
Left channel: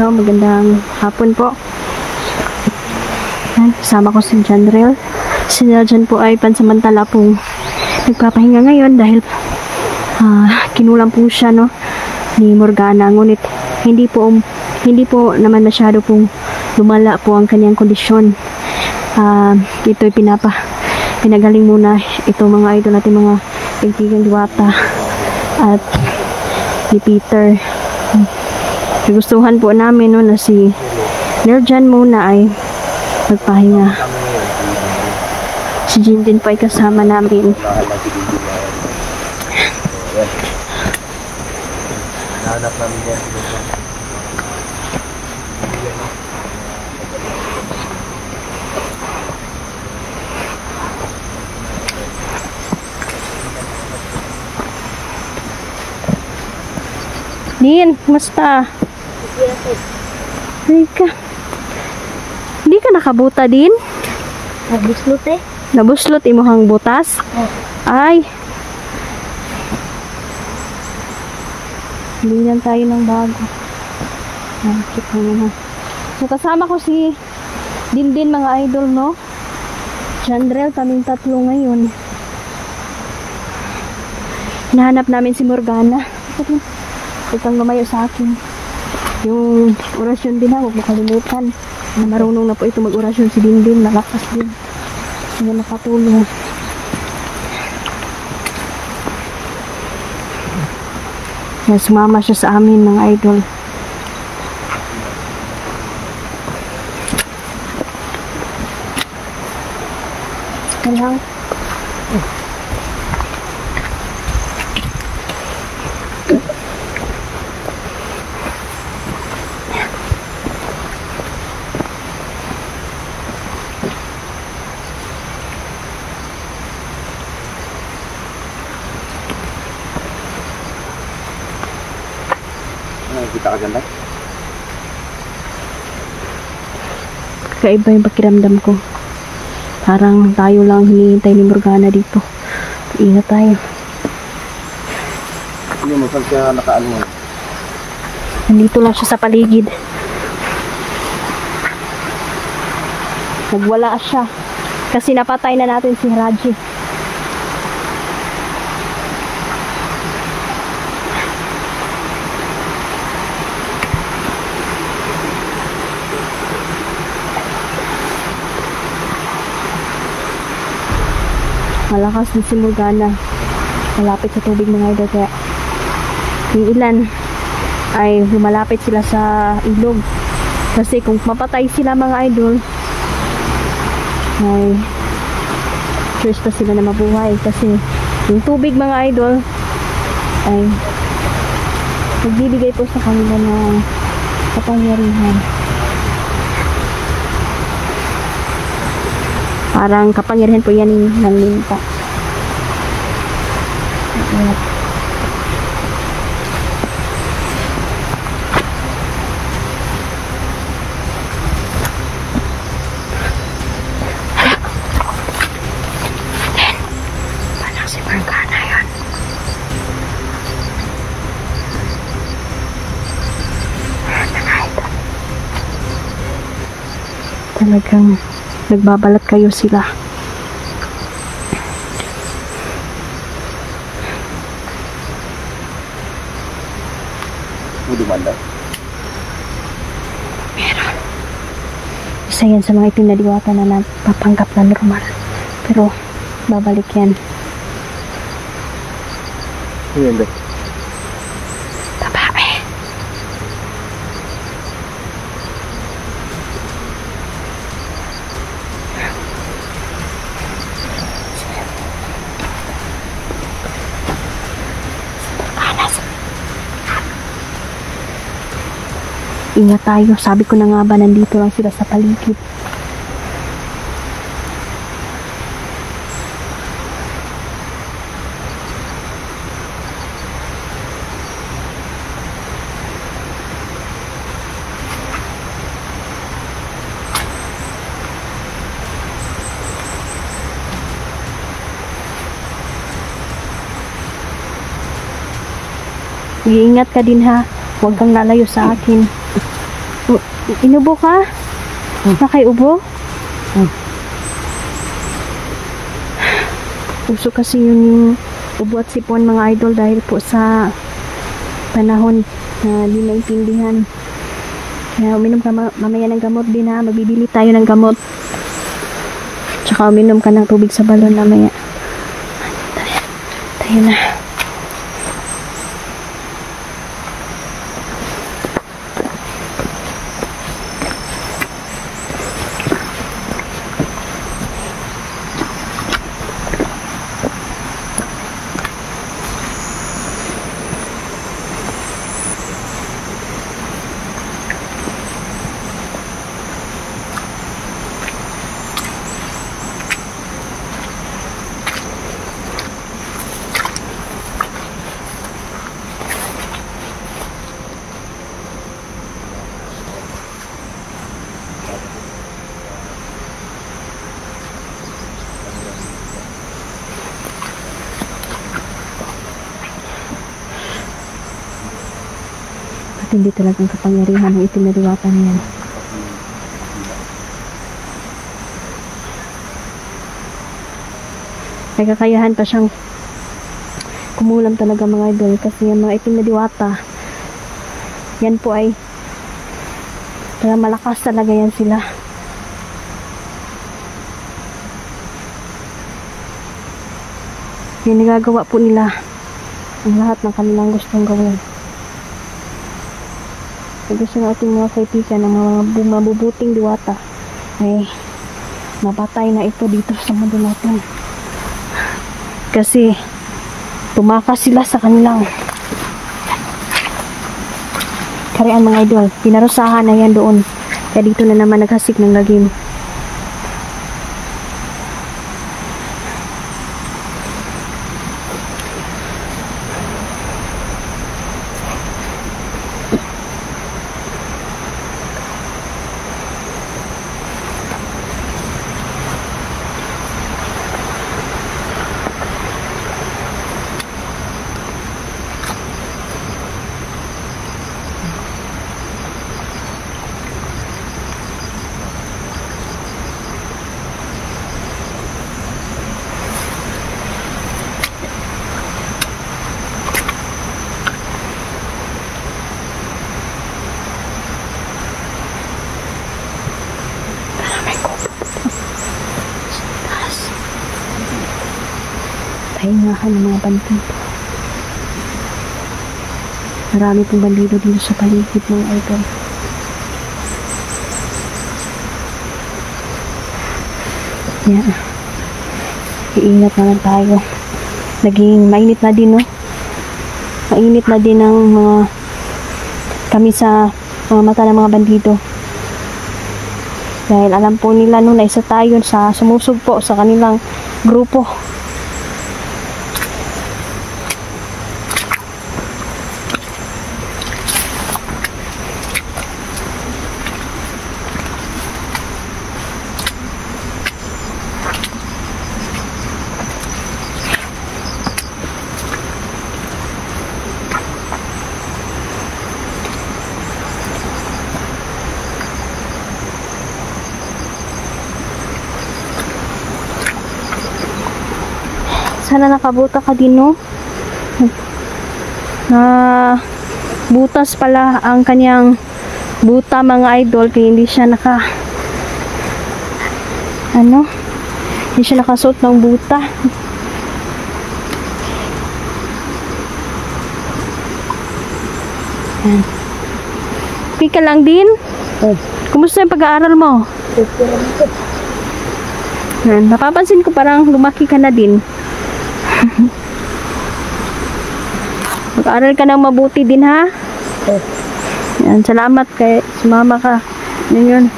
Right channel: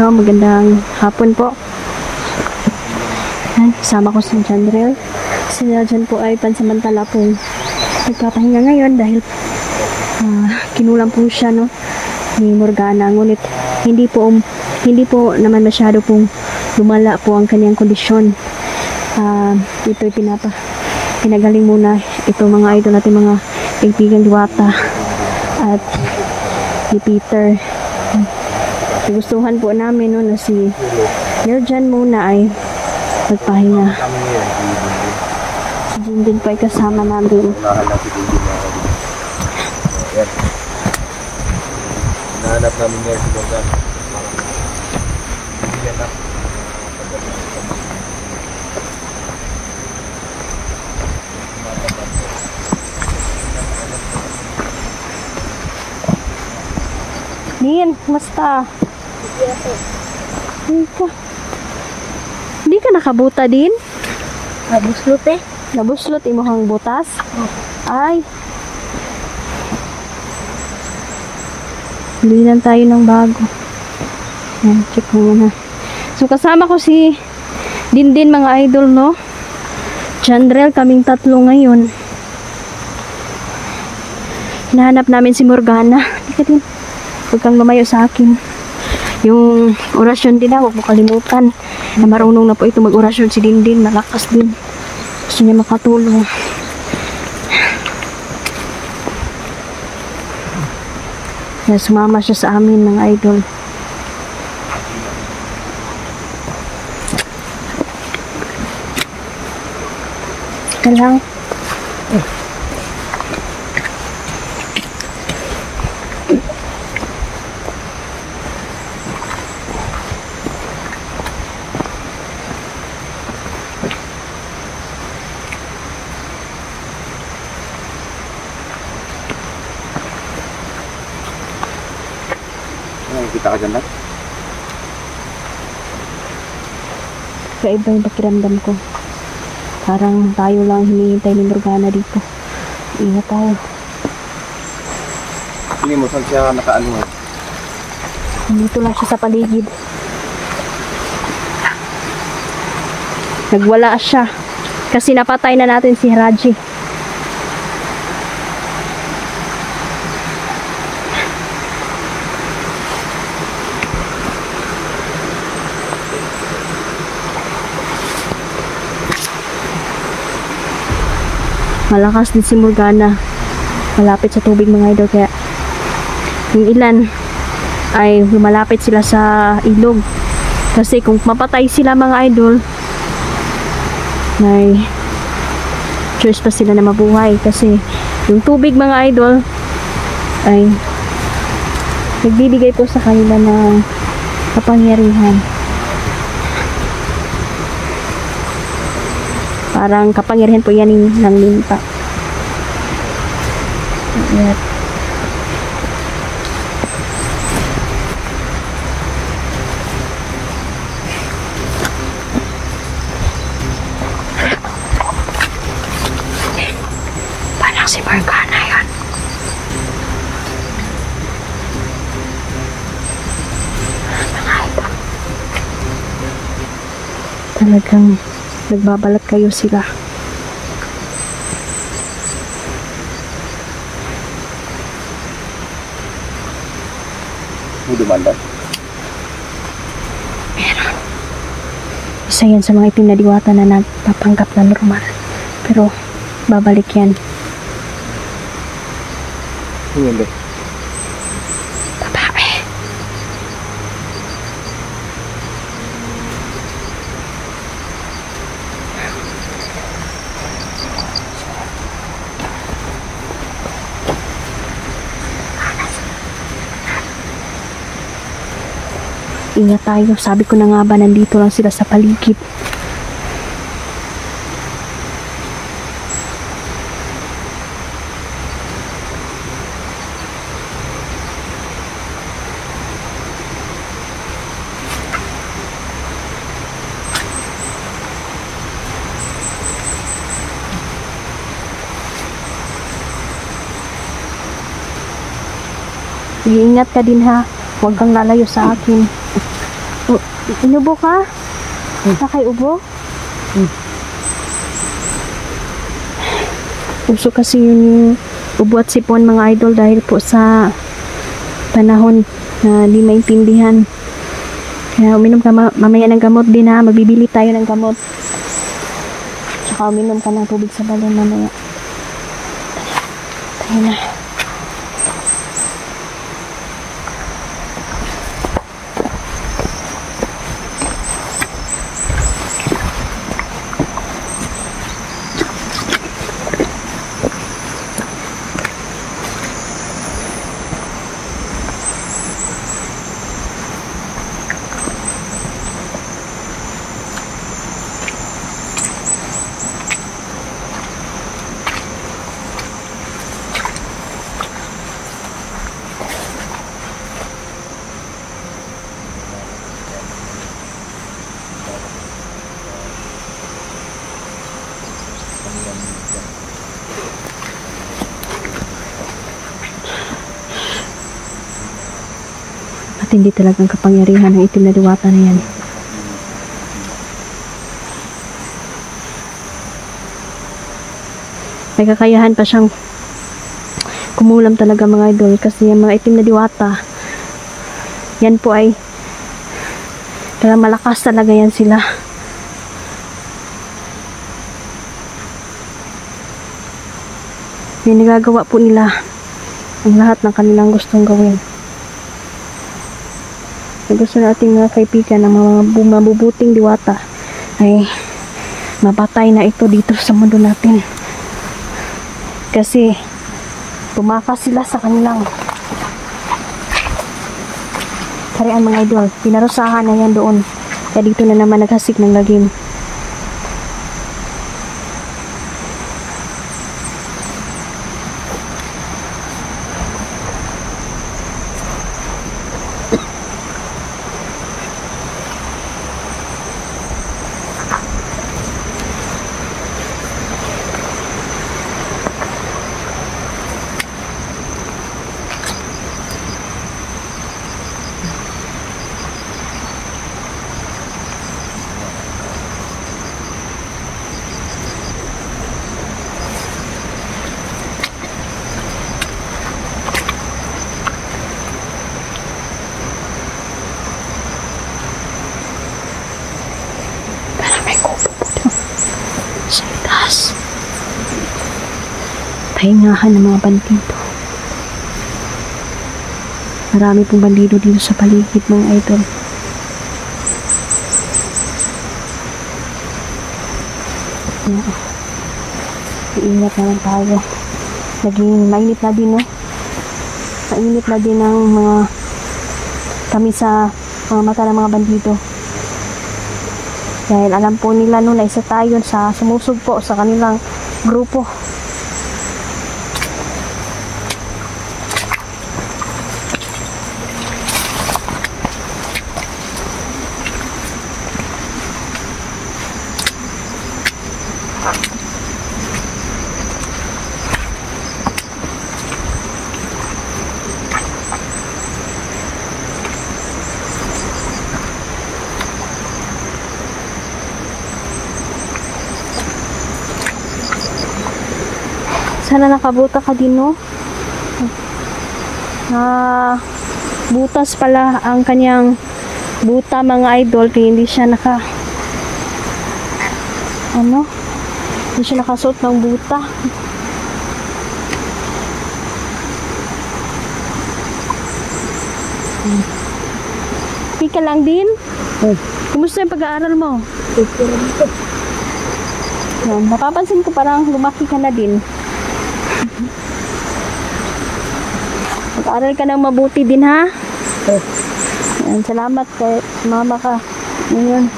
No, magandang hapon po. Yan, kasama ko si Jandrel. Si Jan po ay pansamantala pong nagpapahinga ngayon dahil kinulang po siya, no, ni Morgana. Ngunit hindi po naman masyado pong lumala po ang kanyang kondisyon. Ito'y pinagaling muna ito, mga idol natin, mga kaibigan Diwata at ni Peter. Nagustuhan po namin, no, na si Niljan muna ay magpahinga. Si Jin din po ay kasama namin. Nahanap namin yan. Din, kumusta? Hindi ka nakabuta din? Nabuslot eh. Nabuslot imuhang butas? Oh. Ay. Bili lang tayo ng bago. Ayan, check mo muna. So, kasama ko si Dindin, mga idol, no? Jandrel, kaming tatlo ngayon. Hinahanap namin si Morgana. Teka din. Huwag kang lumayo sa akin. Yung orasyon din, huwag mo kalimutan. Na marunong na po ito mag-orasyon si Dindin. Malakas din. Gusto niya makatulong. Kaya sumama siya sa amin, mga idol. Ika lang. Kita ka dyan na? Kaiba yung pakiramdam ko. Parang tayo lang hinihintay ni Morgana dito. Ingat tayo. Hindi mo saan siya nakaano nga. Nandito lang siya sa paligid. Nagwala siya. Kasi napatay na natin si Raji. Malakas din si Morgana. Malapit sa tubig mga idol. Kaya yung ilan ay lumalapit sila sa ilog. Kasi kung mapatay sila mga idol, may choice pa sila na mabuhay. Kasi yung tubig mga idol ay nagbibigay po sa kanila ng kapangyarihan. Parang kapangyarihan po yan ng limpa. Ayan. Parang si Morgana yan. Talagang nagbabalat kayo sila. Hindi banda. Meron. Isa yan sa mga itim na diwata na nagpapanggap na normal. Pero babalik yan. Hindi. Babae. Ingat tayo. Sabi ko na nga ba, nandito lang sila sa paligid. Iingat ka din ha. Huwag kang lalayo sa akin. Oh, inubo ka? Nakaiubo? Uso kasi yun yung ubo at sipon mga idol dahil po sa panahon na di maintindihan. Kaya uminom ka mamaya ng gamot din ha. Magbibili tayo ng gamot. Tsaka uminom ka ng tubig sa balon mamaya. Tayo na. Hindi talagang kapangyarihan ng itim na diwata na yan. May kakayahan pa siyang kumulam talaga mga idol kasi yung mga itim na diwata yan po ay kaya malakas talaga yan sila. Yung nagagawa po nila ang lahat ng kanilang gustong gawin. Gusto nating mga kaibigan ng mga mabubuting diwata ay mapatay na ito dito sa mundo natin. Kasi tumakas sila sa kanilang karian mga idol. Pinarusahan na yan doon. Kaya dito na naman naghasik ng lagim. pahingahan ng mga bandido. Marami pong bandido dito sa paligid mga idol. Yan. Iingat naman tayo. Naging mainit na din, no? Mainit na din ang mga kami sa mga mata ng mga bandido. Dahil alam po nila no, na isa tayo sa sumusugpo sa kanilang grupo. Sana nakabuta ka din, no? Butas pala ang kanyang buta mga idol, kaya hindi siya hindi siya nakasuot ng buta. Yan. Pika lang din. Kumusta yung pag-aaral mo? Yan. Napapansin ko parang lumaki ka na din. Mag-aaral ka ng mabuti din, ha? Yan, salamat kay sumama ka. Yun.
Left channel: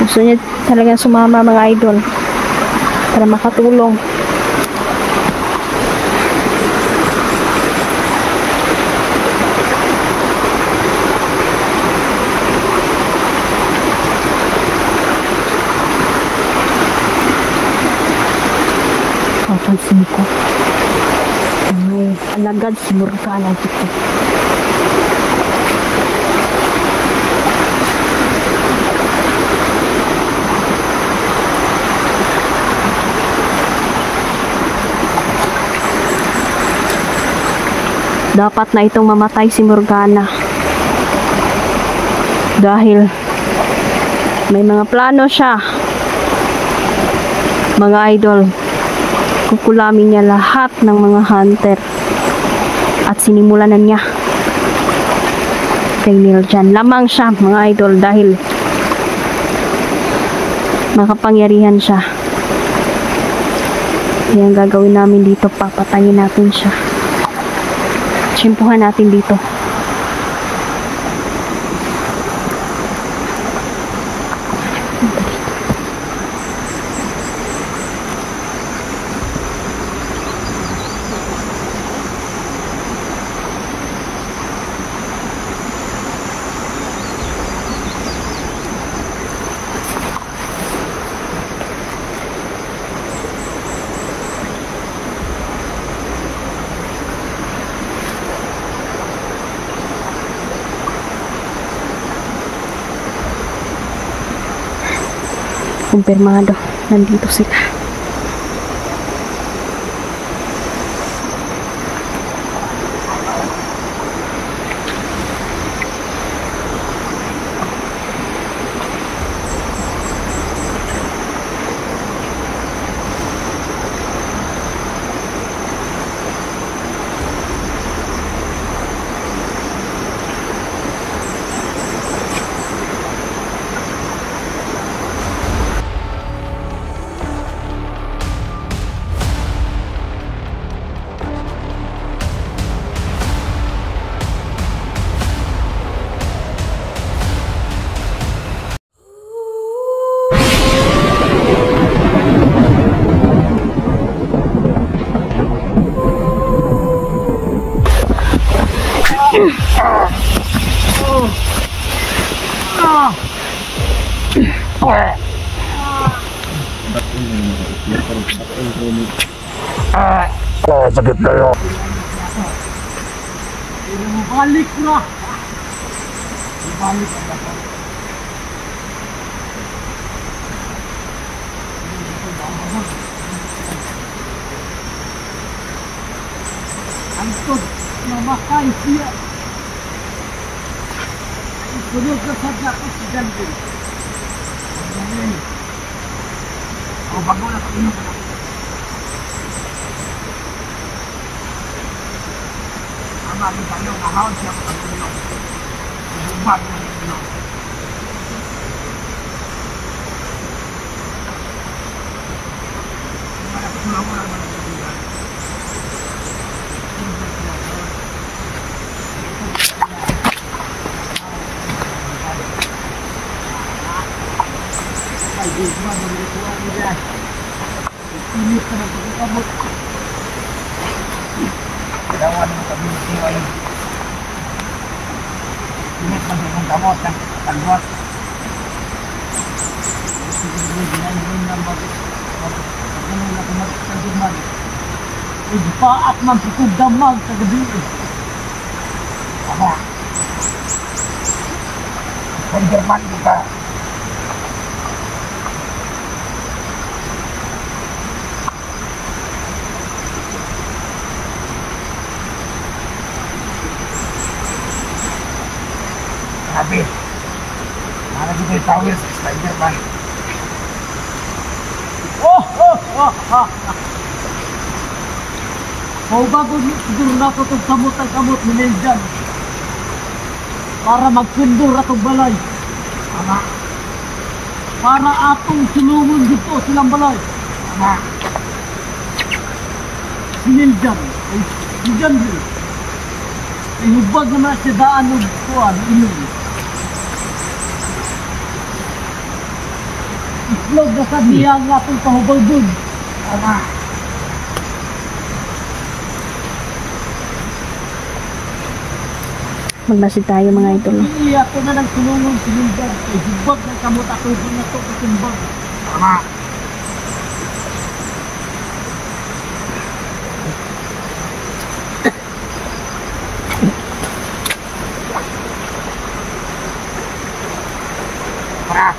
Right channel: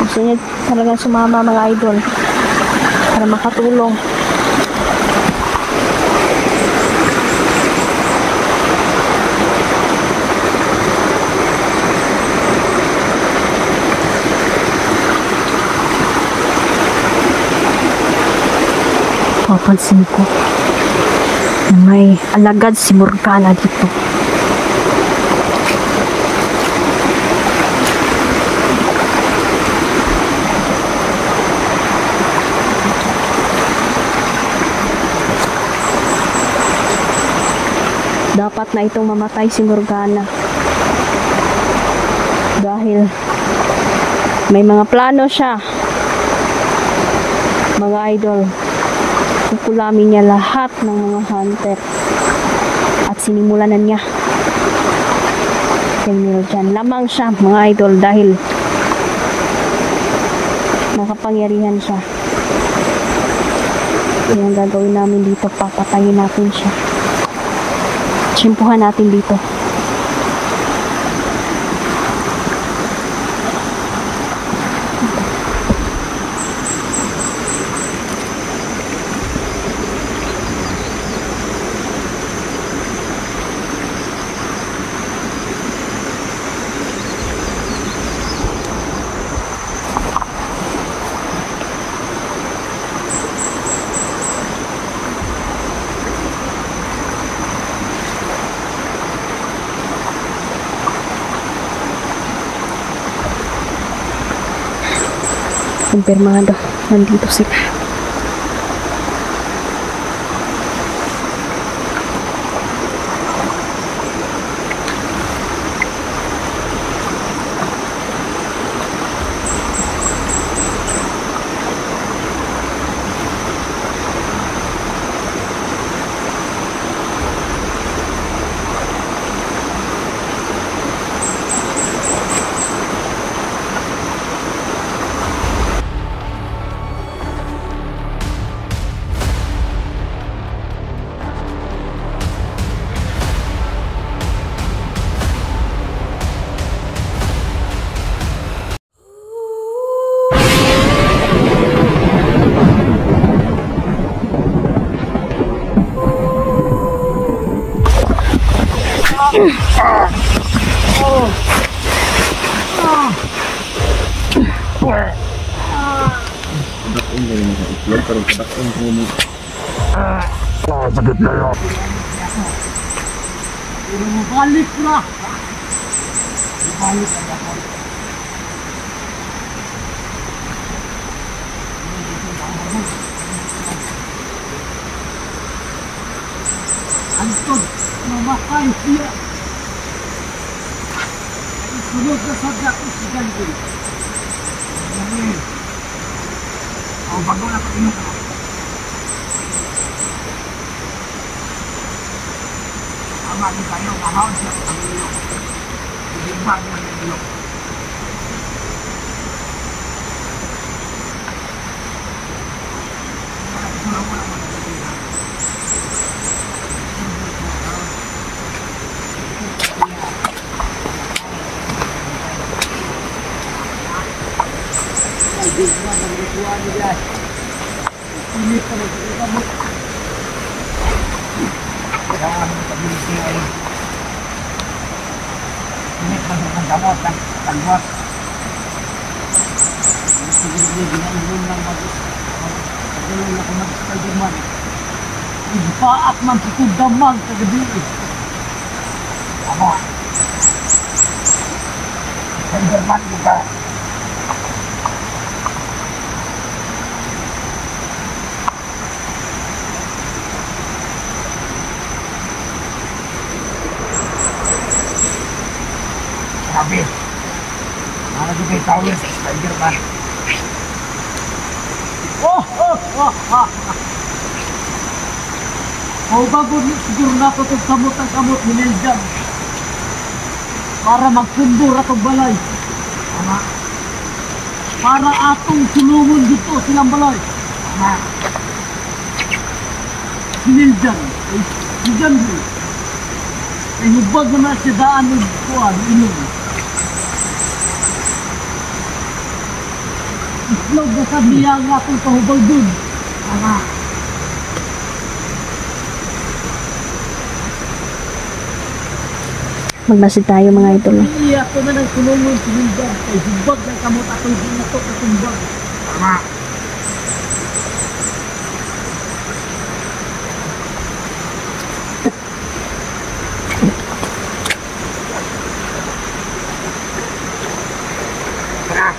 Gusto niya talaga sumama mga idol para makatulong. Papansin ko may alagad si Morgana dito. Dapat na itong mamatay si Morgana dahil may mga plano siya mga idol. Kukulamin niya lahat ng mga hunter at sinimulan na niya kay Miljan. Lamang siya mga idol dahil makapangyarihan siya. Yan gagawin namin dito, papatayin natin siya. Tsimpuhan natin dito. Kumpirmado, nandito sila. Sakit kayo. Balik na. Balik na ako. Anton, mamakay siya. Ay sunod na sadya ko si Janville. Janville. Bago na pag-inom ka na. mali tayo, ngahon siya sa ilong. Ibumag ng ilong. Wala mo lang managigila. Ini pada kamu. Dan kami ini. Ini masih kamu tak buat. Sige gina ibon lang mag. Pagdalon na kung mag-Spiderman. Ibaat man pikog damag kagabi. Ama. Spiderman kita. Grabe. Lagi may tower sa Spiderman. Oh! Oh, bago siguro na ito itong samot ni Neljan para magpundur atong balay. Tama. Para atong sulungon dito silang balay. Tama. Si Neljan, si Janri, ay hubag naman siya daan ng kuwan, ilong. Islog na sa niya nga itong pahubag dun. Tama. Magmasid tayo mga idol. Iya ito na nagsulungon si Nildan. Kay hubag ng kamot atong dinatok na tumbag. Tama. Tara.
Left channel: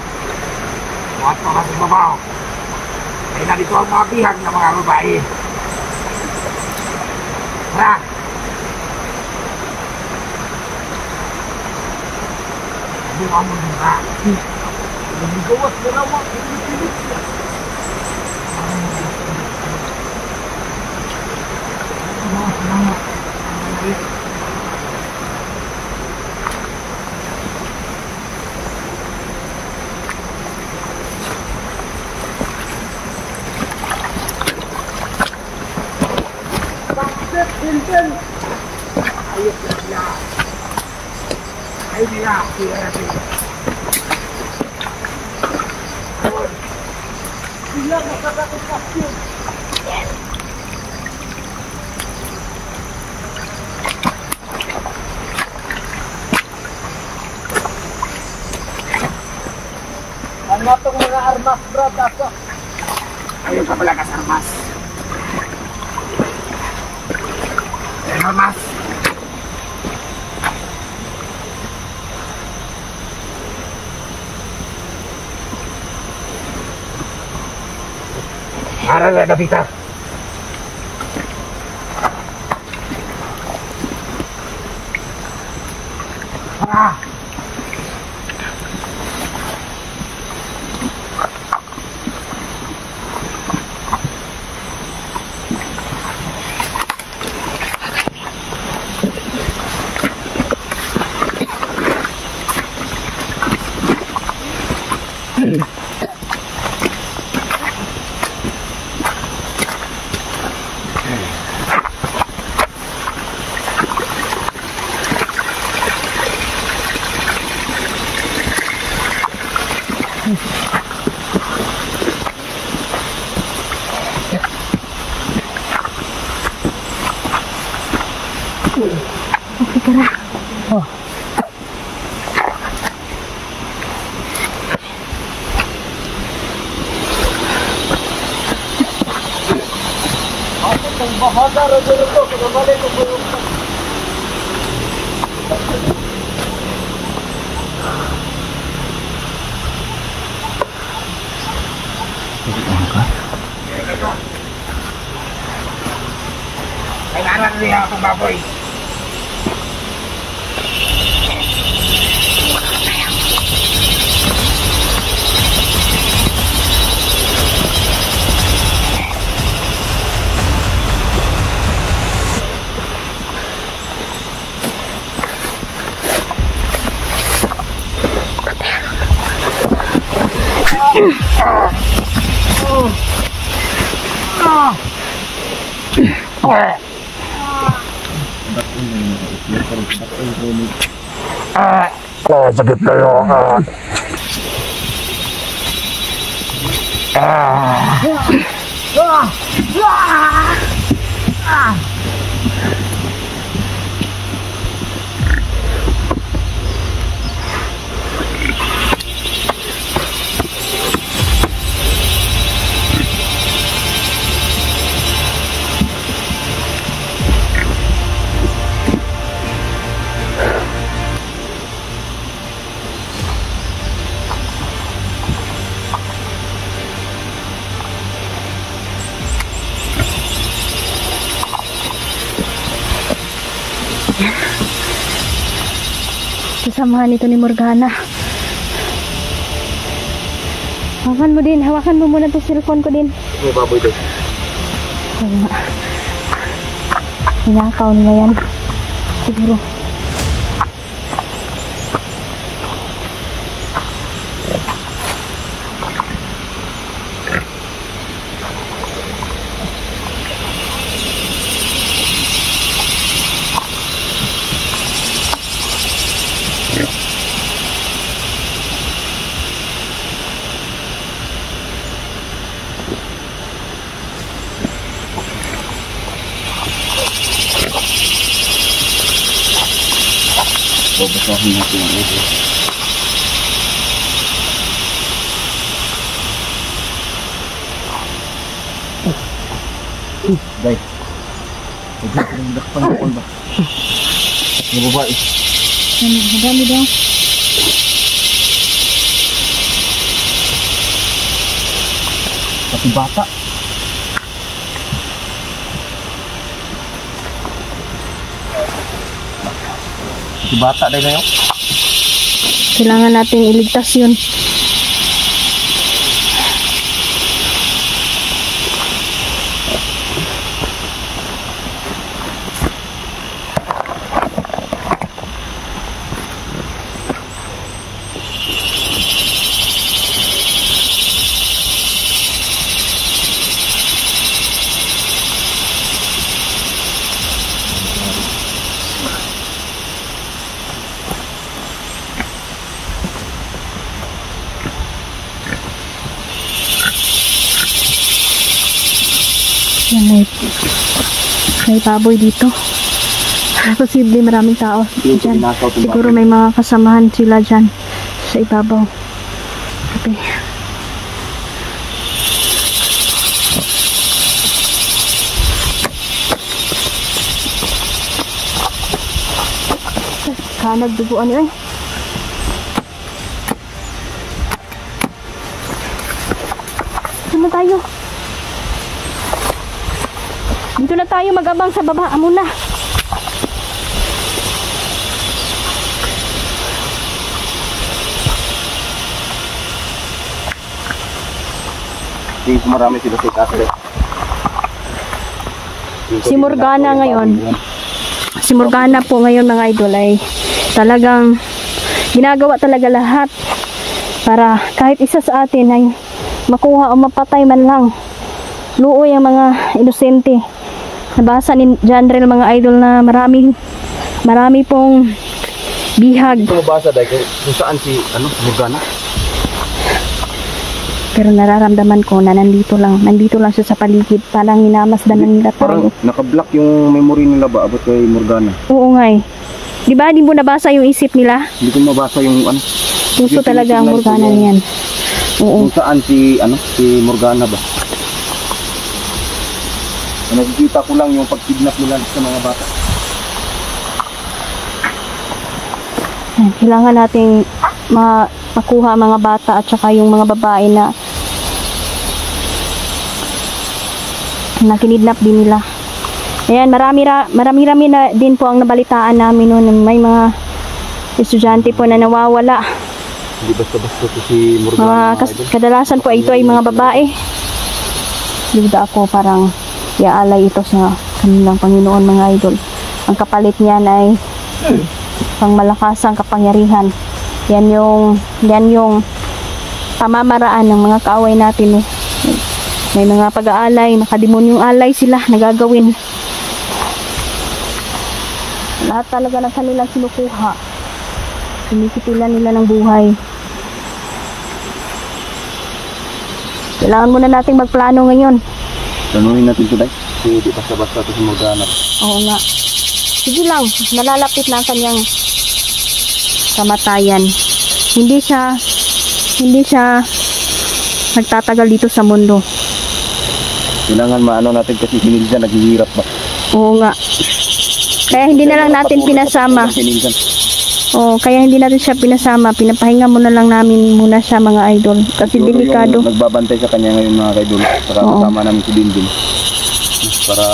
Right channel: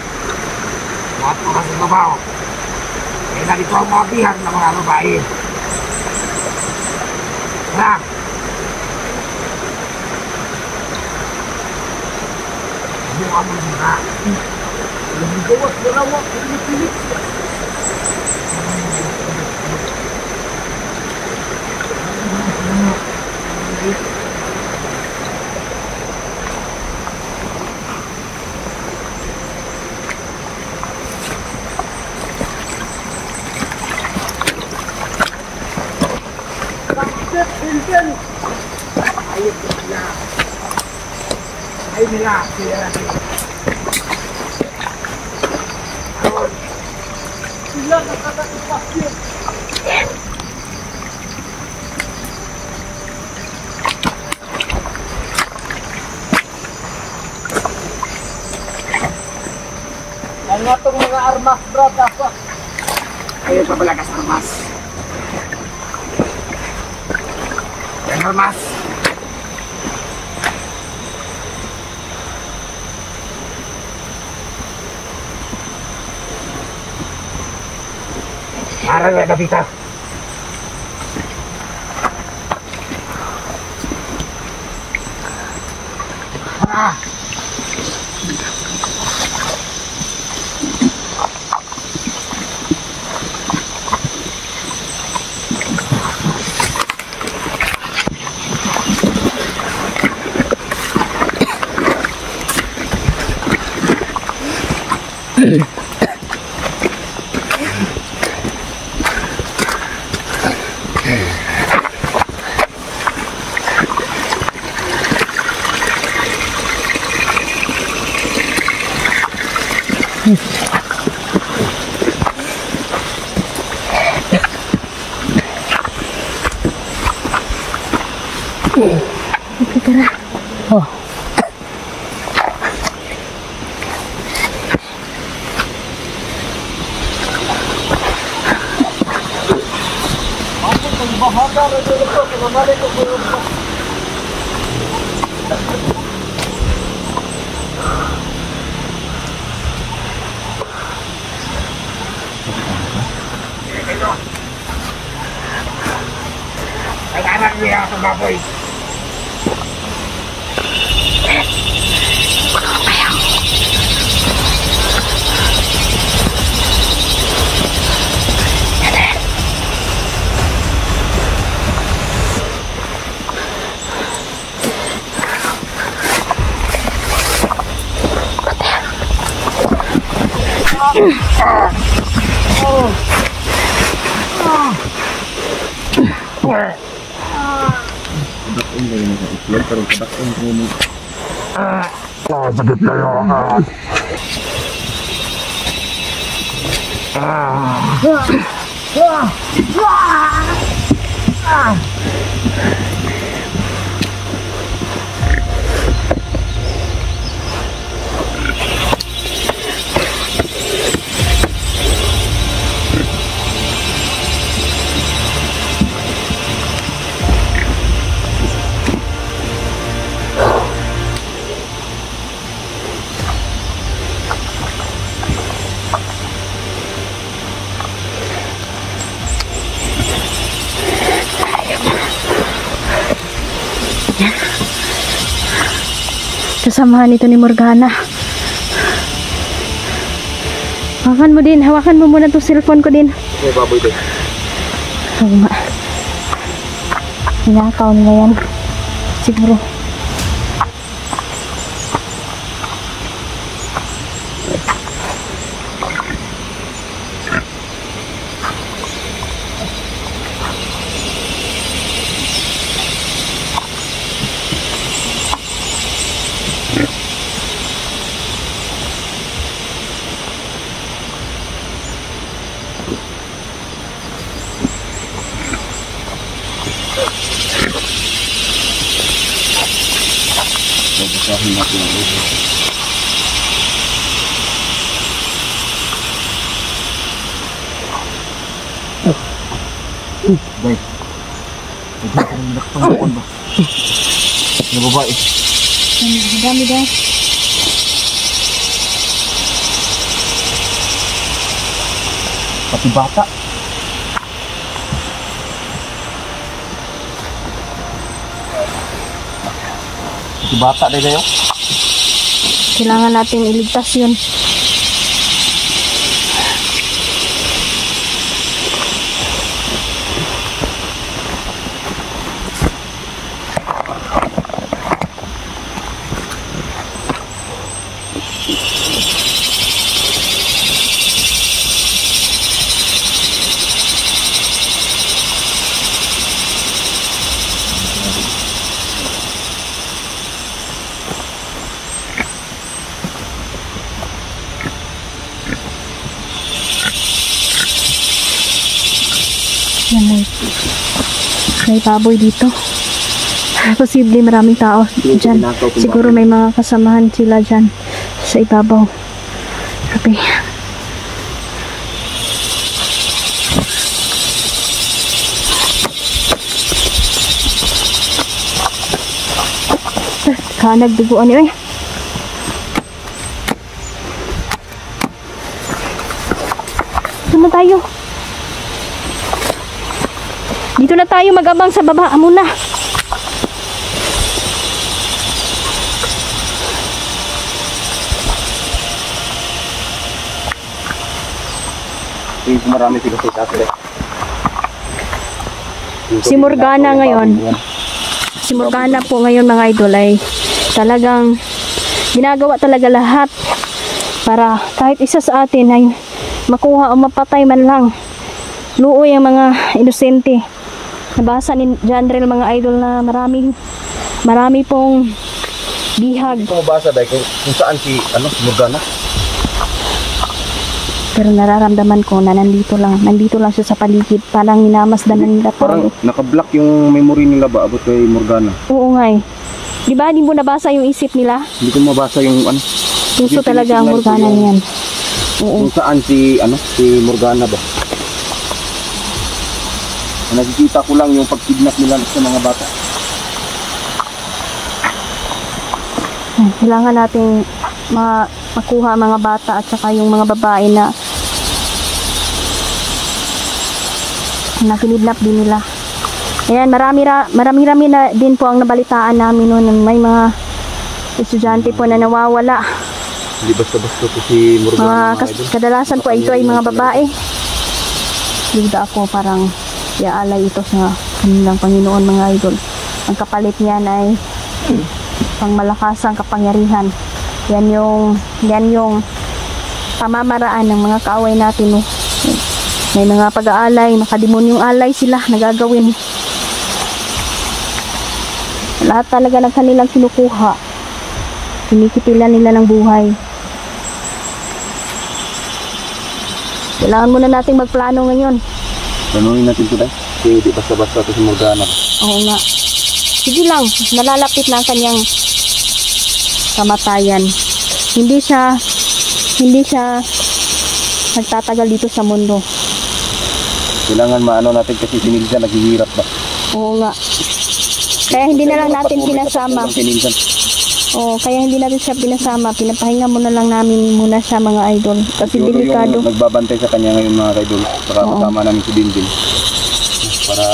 Buhat mo kasi babaw. Kaya narito ang mga bihag ng mga babae. Tara. Buang mo muna. Lumigawas na lawak. Pinipilit siya. Lumigawas na lawak. Ang malaya. Ayos na siya. Ay nila, siya natin. Sila nakakapasyon. Ang natong mga armas, bro, ako. Ayaw pa pala kas armas. Armas. Para na Davita. Ah. Oh. Ang bahaga rin ito, kalabali ko po yung ay anak niya ako baboy. Kasamahan ito ni Morgana. Hawakan mo din. Hawakan mo muna itong cellphone ko din. May baboy doon. Oo nga. Hinakaw nila yan. Siguro. Babasahin natin ang ulo. Bay. Nagkakalak pa yung ba? Yung babae. Dami daw. Pati bata. Pati bata dahil na yun. Kailangan natin iligtas yun. Yan, may baboy dito. Posible maraming tao dyan. Siguro may mga kasamahan sila dyan sa ibabaw. Okay. Nagduguan yun. Saan tayo? Dito na tayo mag-abang sa baba muna. Marami sila sa itaas. Si Morgana ngayon. Si Morgana po ngayon mga idol ay talagang ginagawa talaga lahat para kahit isa sa atin ay makuha o mapatay man lang. Luoy ang mga inosente. Nabasa ni Jandrel mga idol na marami pong bihag. Ito mabasa dahil kung saan si Morgana. Pero nararamdaman ko na nandito lang siya sa paligid. Parang minamasdan na nila. Parang nakablock yung memory nila ba abot kay Morgana. Oo nga eh. Di ba? Di mo nabasa yung isip nila? Hindi ko mabasa yung Gusto talaga ang Morgana niyan. Oo. Kung saan si Morgana ba? Nakikita ko lang yung pagkidnap nila sa mga bata. Kailangan nating makuha ang mga bata at saka yung mga babae na kinidnap din nila. Ayan, marami na din po ang nabalitaan namin noon. May mga estudyante po na nawawala. Hindi basta-basta to si Morgana. Kadalasan po ito ay mga babae. Bigda ako parang iaalay ito sa kanilang Panginoon mga idol. Ang kapalit niyan ay pangmalakasang kapangyarihan. Yan yung pamamaraan ng mga kaaway natin. May mga pag-aalay, nakademonyong alay sila nagagawin Lahat talaga ng kanilang kinukuha. Kinikitilan nila ng buhay. Kailangan muna nating magplano ngayon. Tanungin natin ito dahil. Kasi di basta-basta ito si Morgana. Oo nga. Sige lang, nalalapit na ang kanyang kamatayan. Hindi siya nagtatagal dito sa mundo. Kailangan maano natin kasi si Nilsan naghihirap ba? Oo nga. Kaya hindi na lang natin pinasama. Oo, kaya hindi natin siya pinasama. Pinapahinga muna lang namin muna siya mga idol. Kasi delikado. Yung nagbabantay sa kanya ngayon mga idol. Para kasama namin si Dindim. Para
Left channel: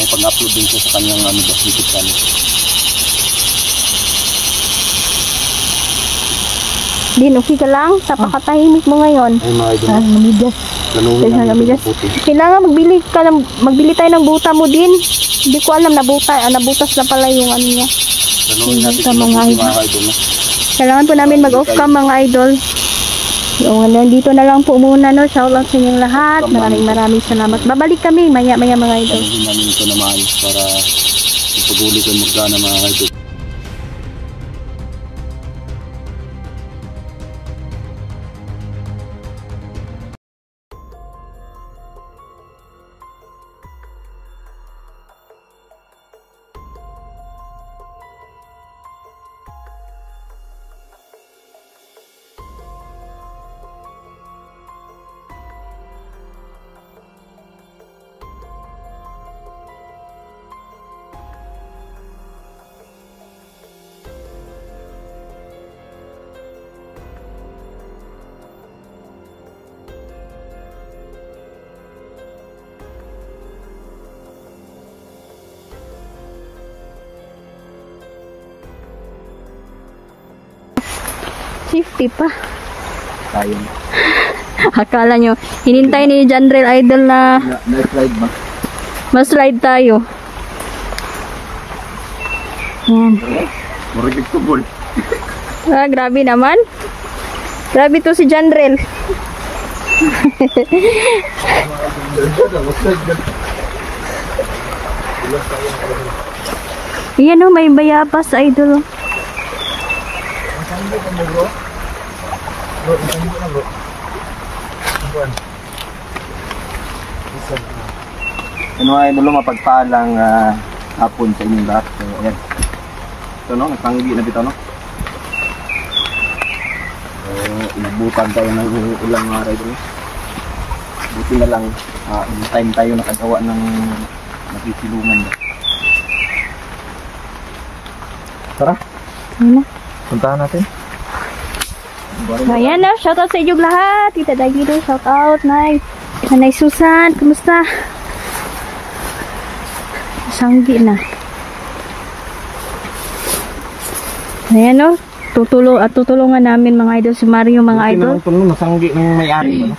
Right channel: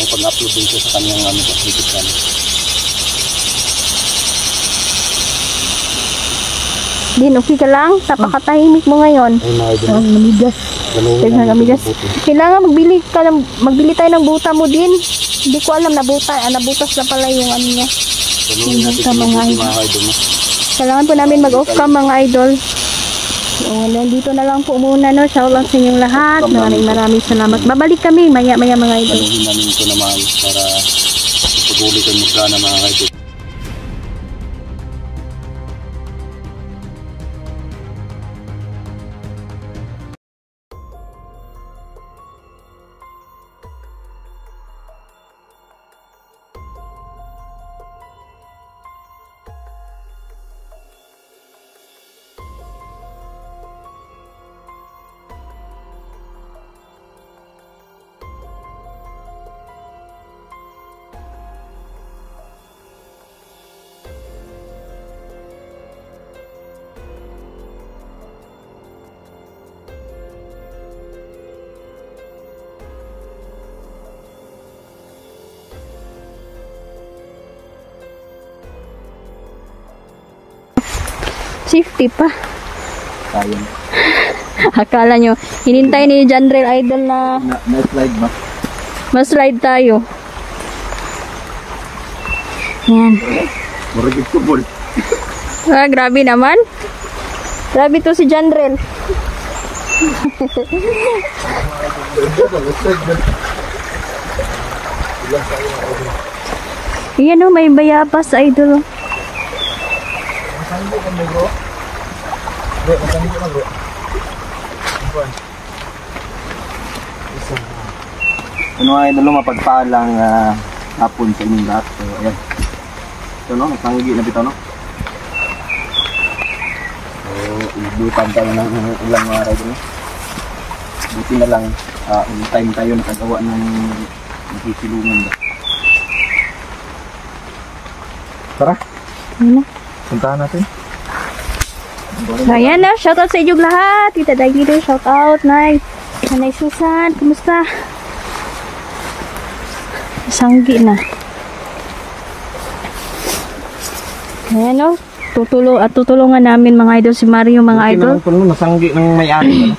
may pag-upload din siya sa kanyang YouTube channel. Din, okay ka lang? Napakatahimik mo ngayon. Ay mga idol. Namigas. Namigas. Kailangan magbili tayo ng buta mo din. Hindi ko alam, nabutas na pala yung ano niya. Sa mga idol. Kailangan po namin mag-off cam mga idol. So, dito na lang po muna, no? Shout out sa inyong lahat. Maraming salamat. Babalik kami maya mga idol. Saluhin namin ito na mahal para ipaguli kay Morgana mga idol. Safety pa. Sayang. Akala nyo, hinintay ni Janrel Idol na Na-slide ba? mas-slide tayo. Yan. Predictable. Ah, grabe naman. Grabe to si Janrel. Yan o, may bayabas idol. Ano ay idol, mapagpalang hapon sa inyong lahat. So ayan. Ito no, natanggi na bitaw no. So inabutan tayo ng ilang araw dito. Buti na lang in time tayo nakagawa ng nakisilungan ba. Tara, Ayan na. puntahan natin. Ayan na, shoutout sa inyong lahat. Tita Dagido, shoutout. Nanay Susan, kumusta? Sanggi na. Ayan o, tutulungan namin mga idol si Mario mga idol. Ito naman nasanggi ng may-ari.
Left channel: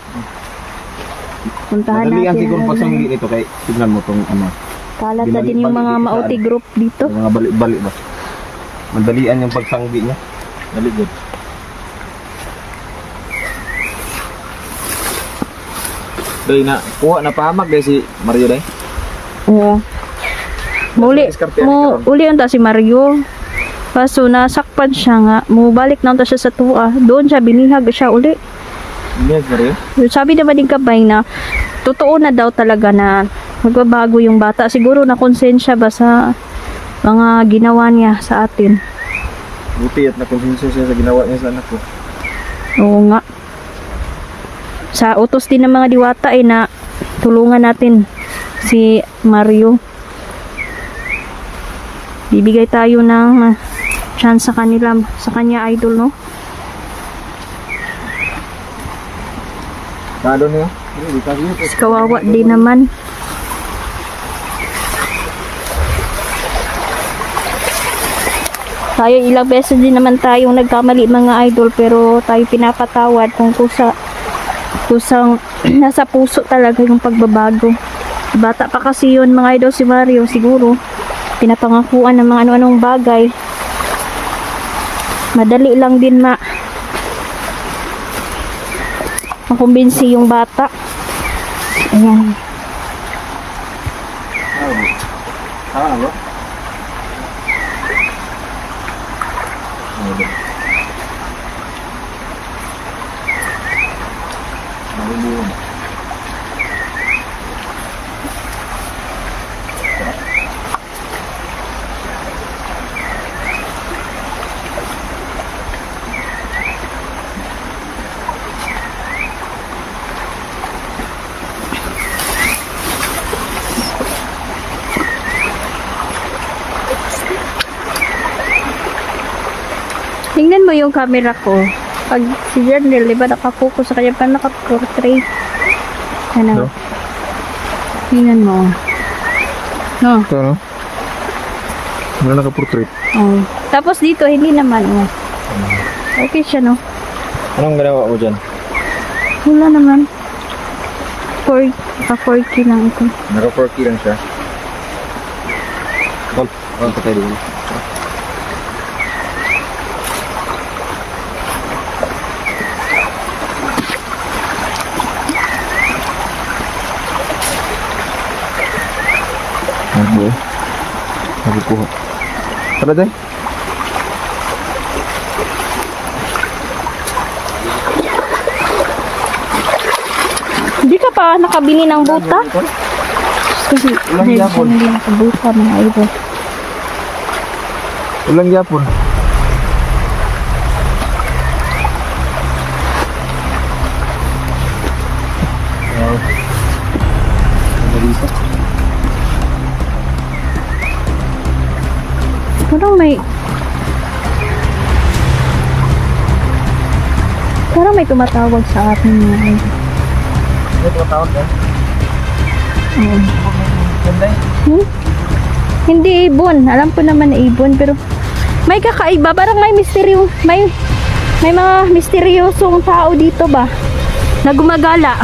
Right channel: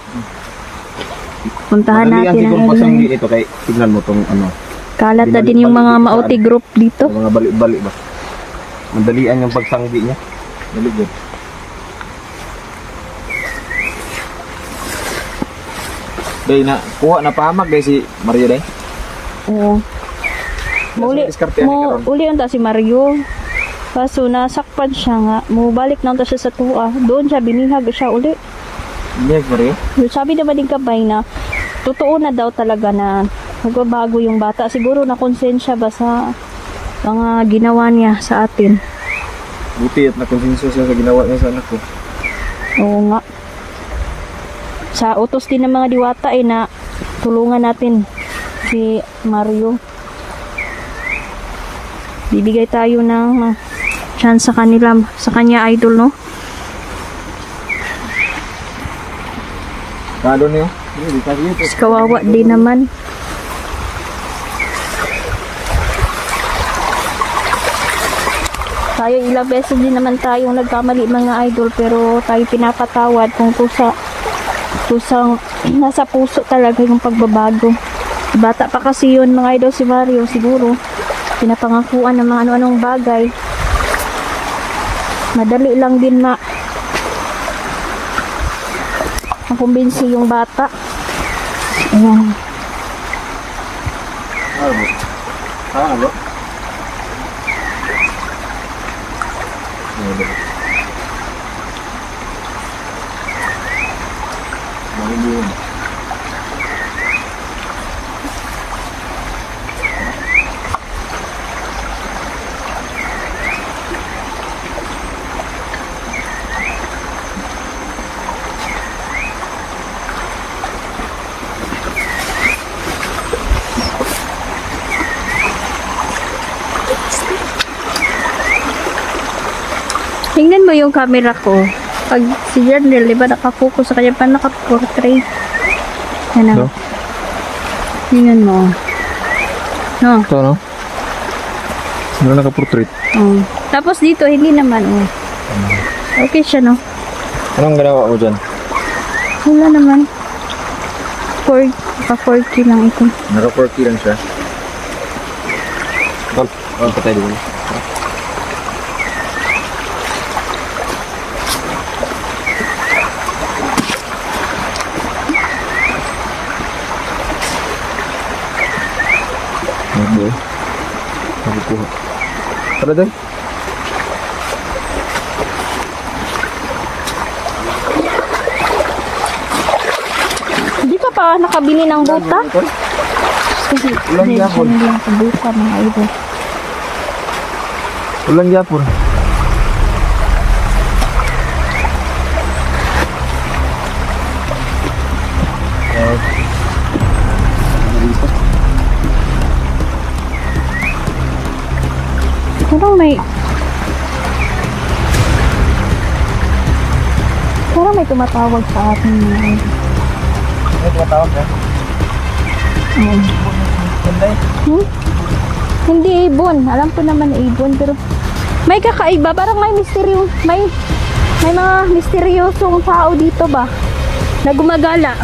Puntahan Madali ang natin siguro pasanggi nito kay tignan mo tong ano. Kalat na din yung mga Mauti group dito. Mga balik-balik ba. Madalian yung pagsanggi niya. Dali good. Day na kuha na pahamag day si Mario day. Oo. Uli ang si Mario. Kaso nasakpan siya nga. Mubalik na siya sa tuwa. Doon siya binihag siya uli. Yes, Mario. Sabi naman din kabay na totoo na daw talaga na magbabago yung bata. Siguro na konsensya ba sa mga ginawa niya sa atin. Buti at nakonsenso siya sa ginawa niya sa anak ko. Oo nga. Sa utos din ng mga diwata ay na tulungan natin si Mario. Bibigay tayo ng chance sa kanya idol, no? Kado niyo? Mas kawawa din naman. Tayo ilang beses din naman tayong nagkamali mga idol, pero tayo pinapatawad kung kusang nasa puso talaga yung pagbabago. Bata pa kasi yun mga idol si Mario, siguro pinapangakuan ng mga ano-anong bagay. Madali lang din makumbinsi yung bata. Ayan. Ano? mo yung camera ko. Pag si Jernel, di ba nakapokus sa kanya pa nakaportrait. Ano? No? Tingnan mo. No? Ito, no? Wala naka-portrait. Oh. Tapos dito, hindi naman, oh. Okay siya, no? Anong ginawa mo dyan? Wala naman. 4K lang ito. Naka-4K lang siya. Tol, patay din. Okay. Nakukuha. Tara din. Hindi ka pa nakabili ng buta? Kasi Ulang yapon. hindi nakabuta mga idol. Ulang yapon. Parang may tumatawag sa atin mga idol. Ano tumatawag ka? Oo. Hindi ibon. Alam ko naman na ibon pero may kakaiba. Parang may misteryo. May mga misteryosong tao dito ba? Na gumagala.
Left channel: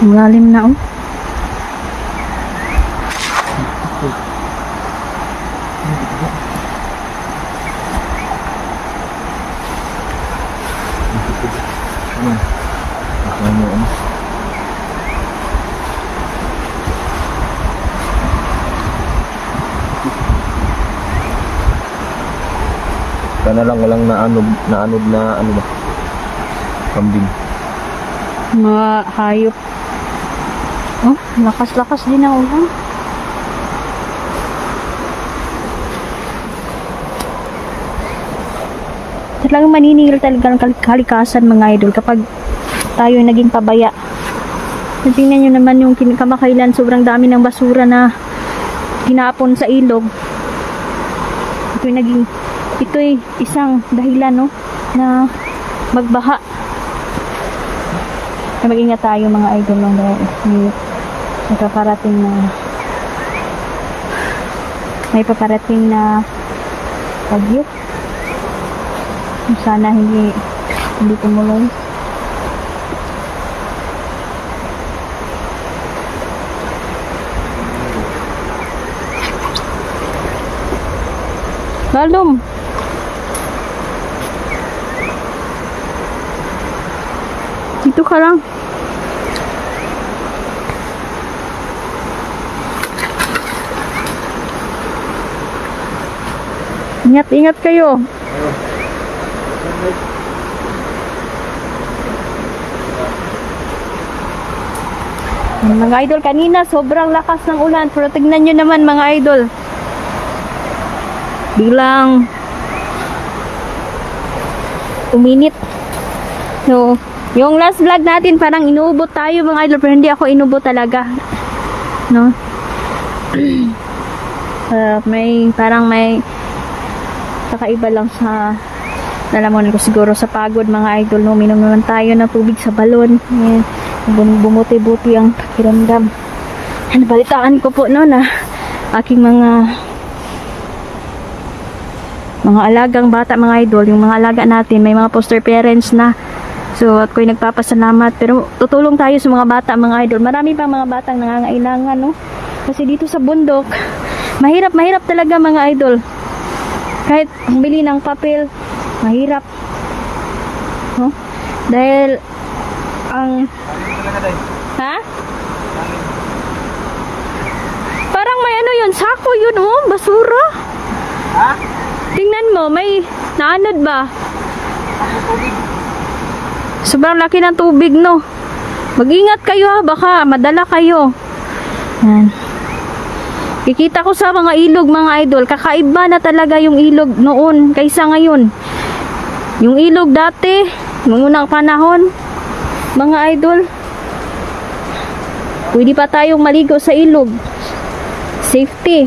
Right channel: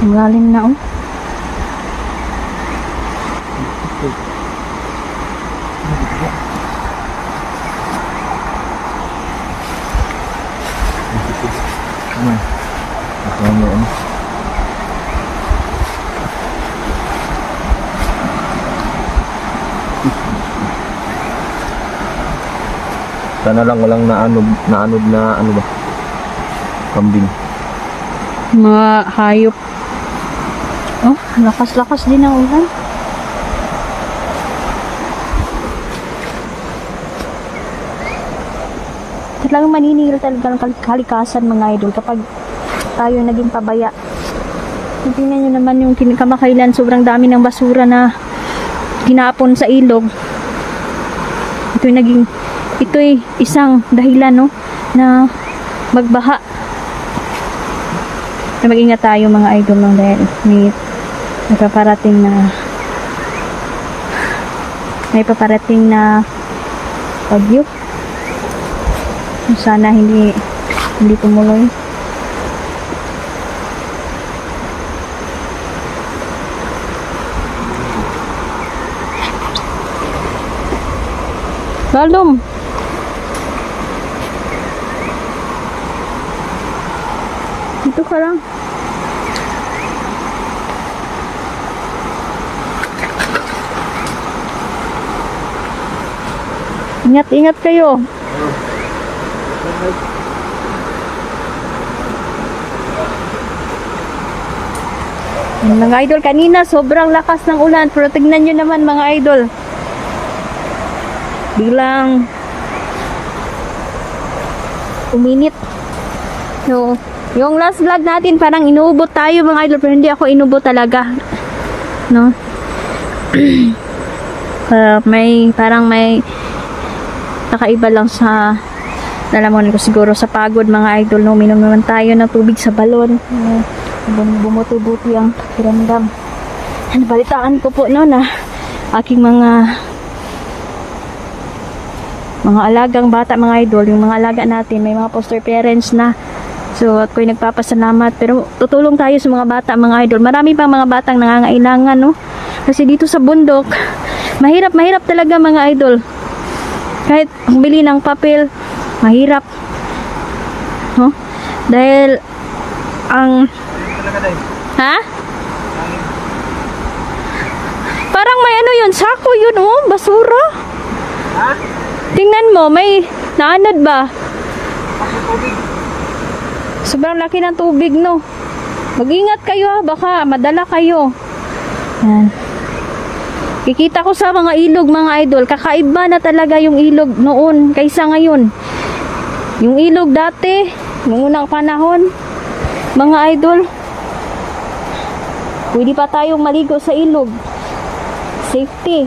Ang lalim na oh. Sana lang walang naanod na ano ba? Kambing. Mga hayop. Oh, lakas-lakas din ang ulan. Talagang maniningil talaga ng kalikasan mga idol kapag tayo naging pabaya. Tingnan nyo naman yung kamakailan, sobrang dami ng basura na tinapon sa ilog. Ito'y isang dahilan no, na magbaha. Na mag-ingat tayo mga idol no, dahil may paparating na bagyo. Sana hindi tumuloy. Lalom. Dito ka lang. Ingat-ingat kayo. Yan, mga idol, kanina sobrang lakas ng ulan, pero tignan nyo naman mga idol, biglang uminit. So, yung last vlog natin parang inuubot tayo mga idol, pero hindi ako inubot talaga, no? May kakaiba lang sa nalaman ko siguro sa pagod mga idol, no? Minom naman tayo ng tubig sa balon, bumuti-buti ang pakiramdam. Balitaan ko po no na aking mga alagang bata mga idol, yung mga alaga natin may mga foster parents na. So ako'y nagpapasalamat, pero tutulong tayo sa mga bata mga idol. Marami pang mga batang nangangailangan, no? Kasi dito sa bundok mahirap talaga mga idol. Kahit bili ng papel mahirap, no? Dahil ang parang may ano yun, sako yun, oh, basura. Tingnan mo, may naanad ba? Sobrang laki ng tubig, no? Mag-ingat kayo, baka madala kayo. Yan. Kikita ko sa mga ilog mga idol, kakaiba na talaga yung ilog noon kaysa ngayon. Yung ilog dati, noong unang panahon mga idol, pwede pa tayong maligo sa ilog, safety,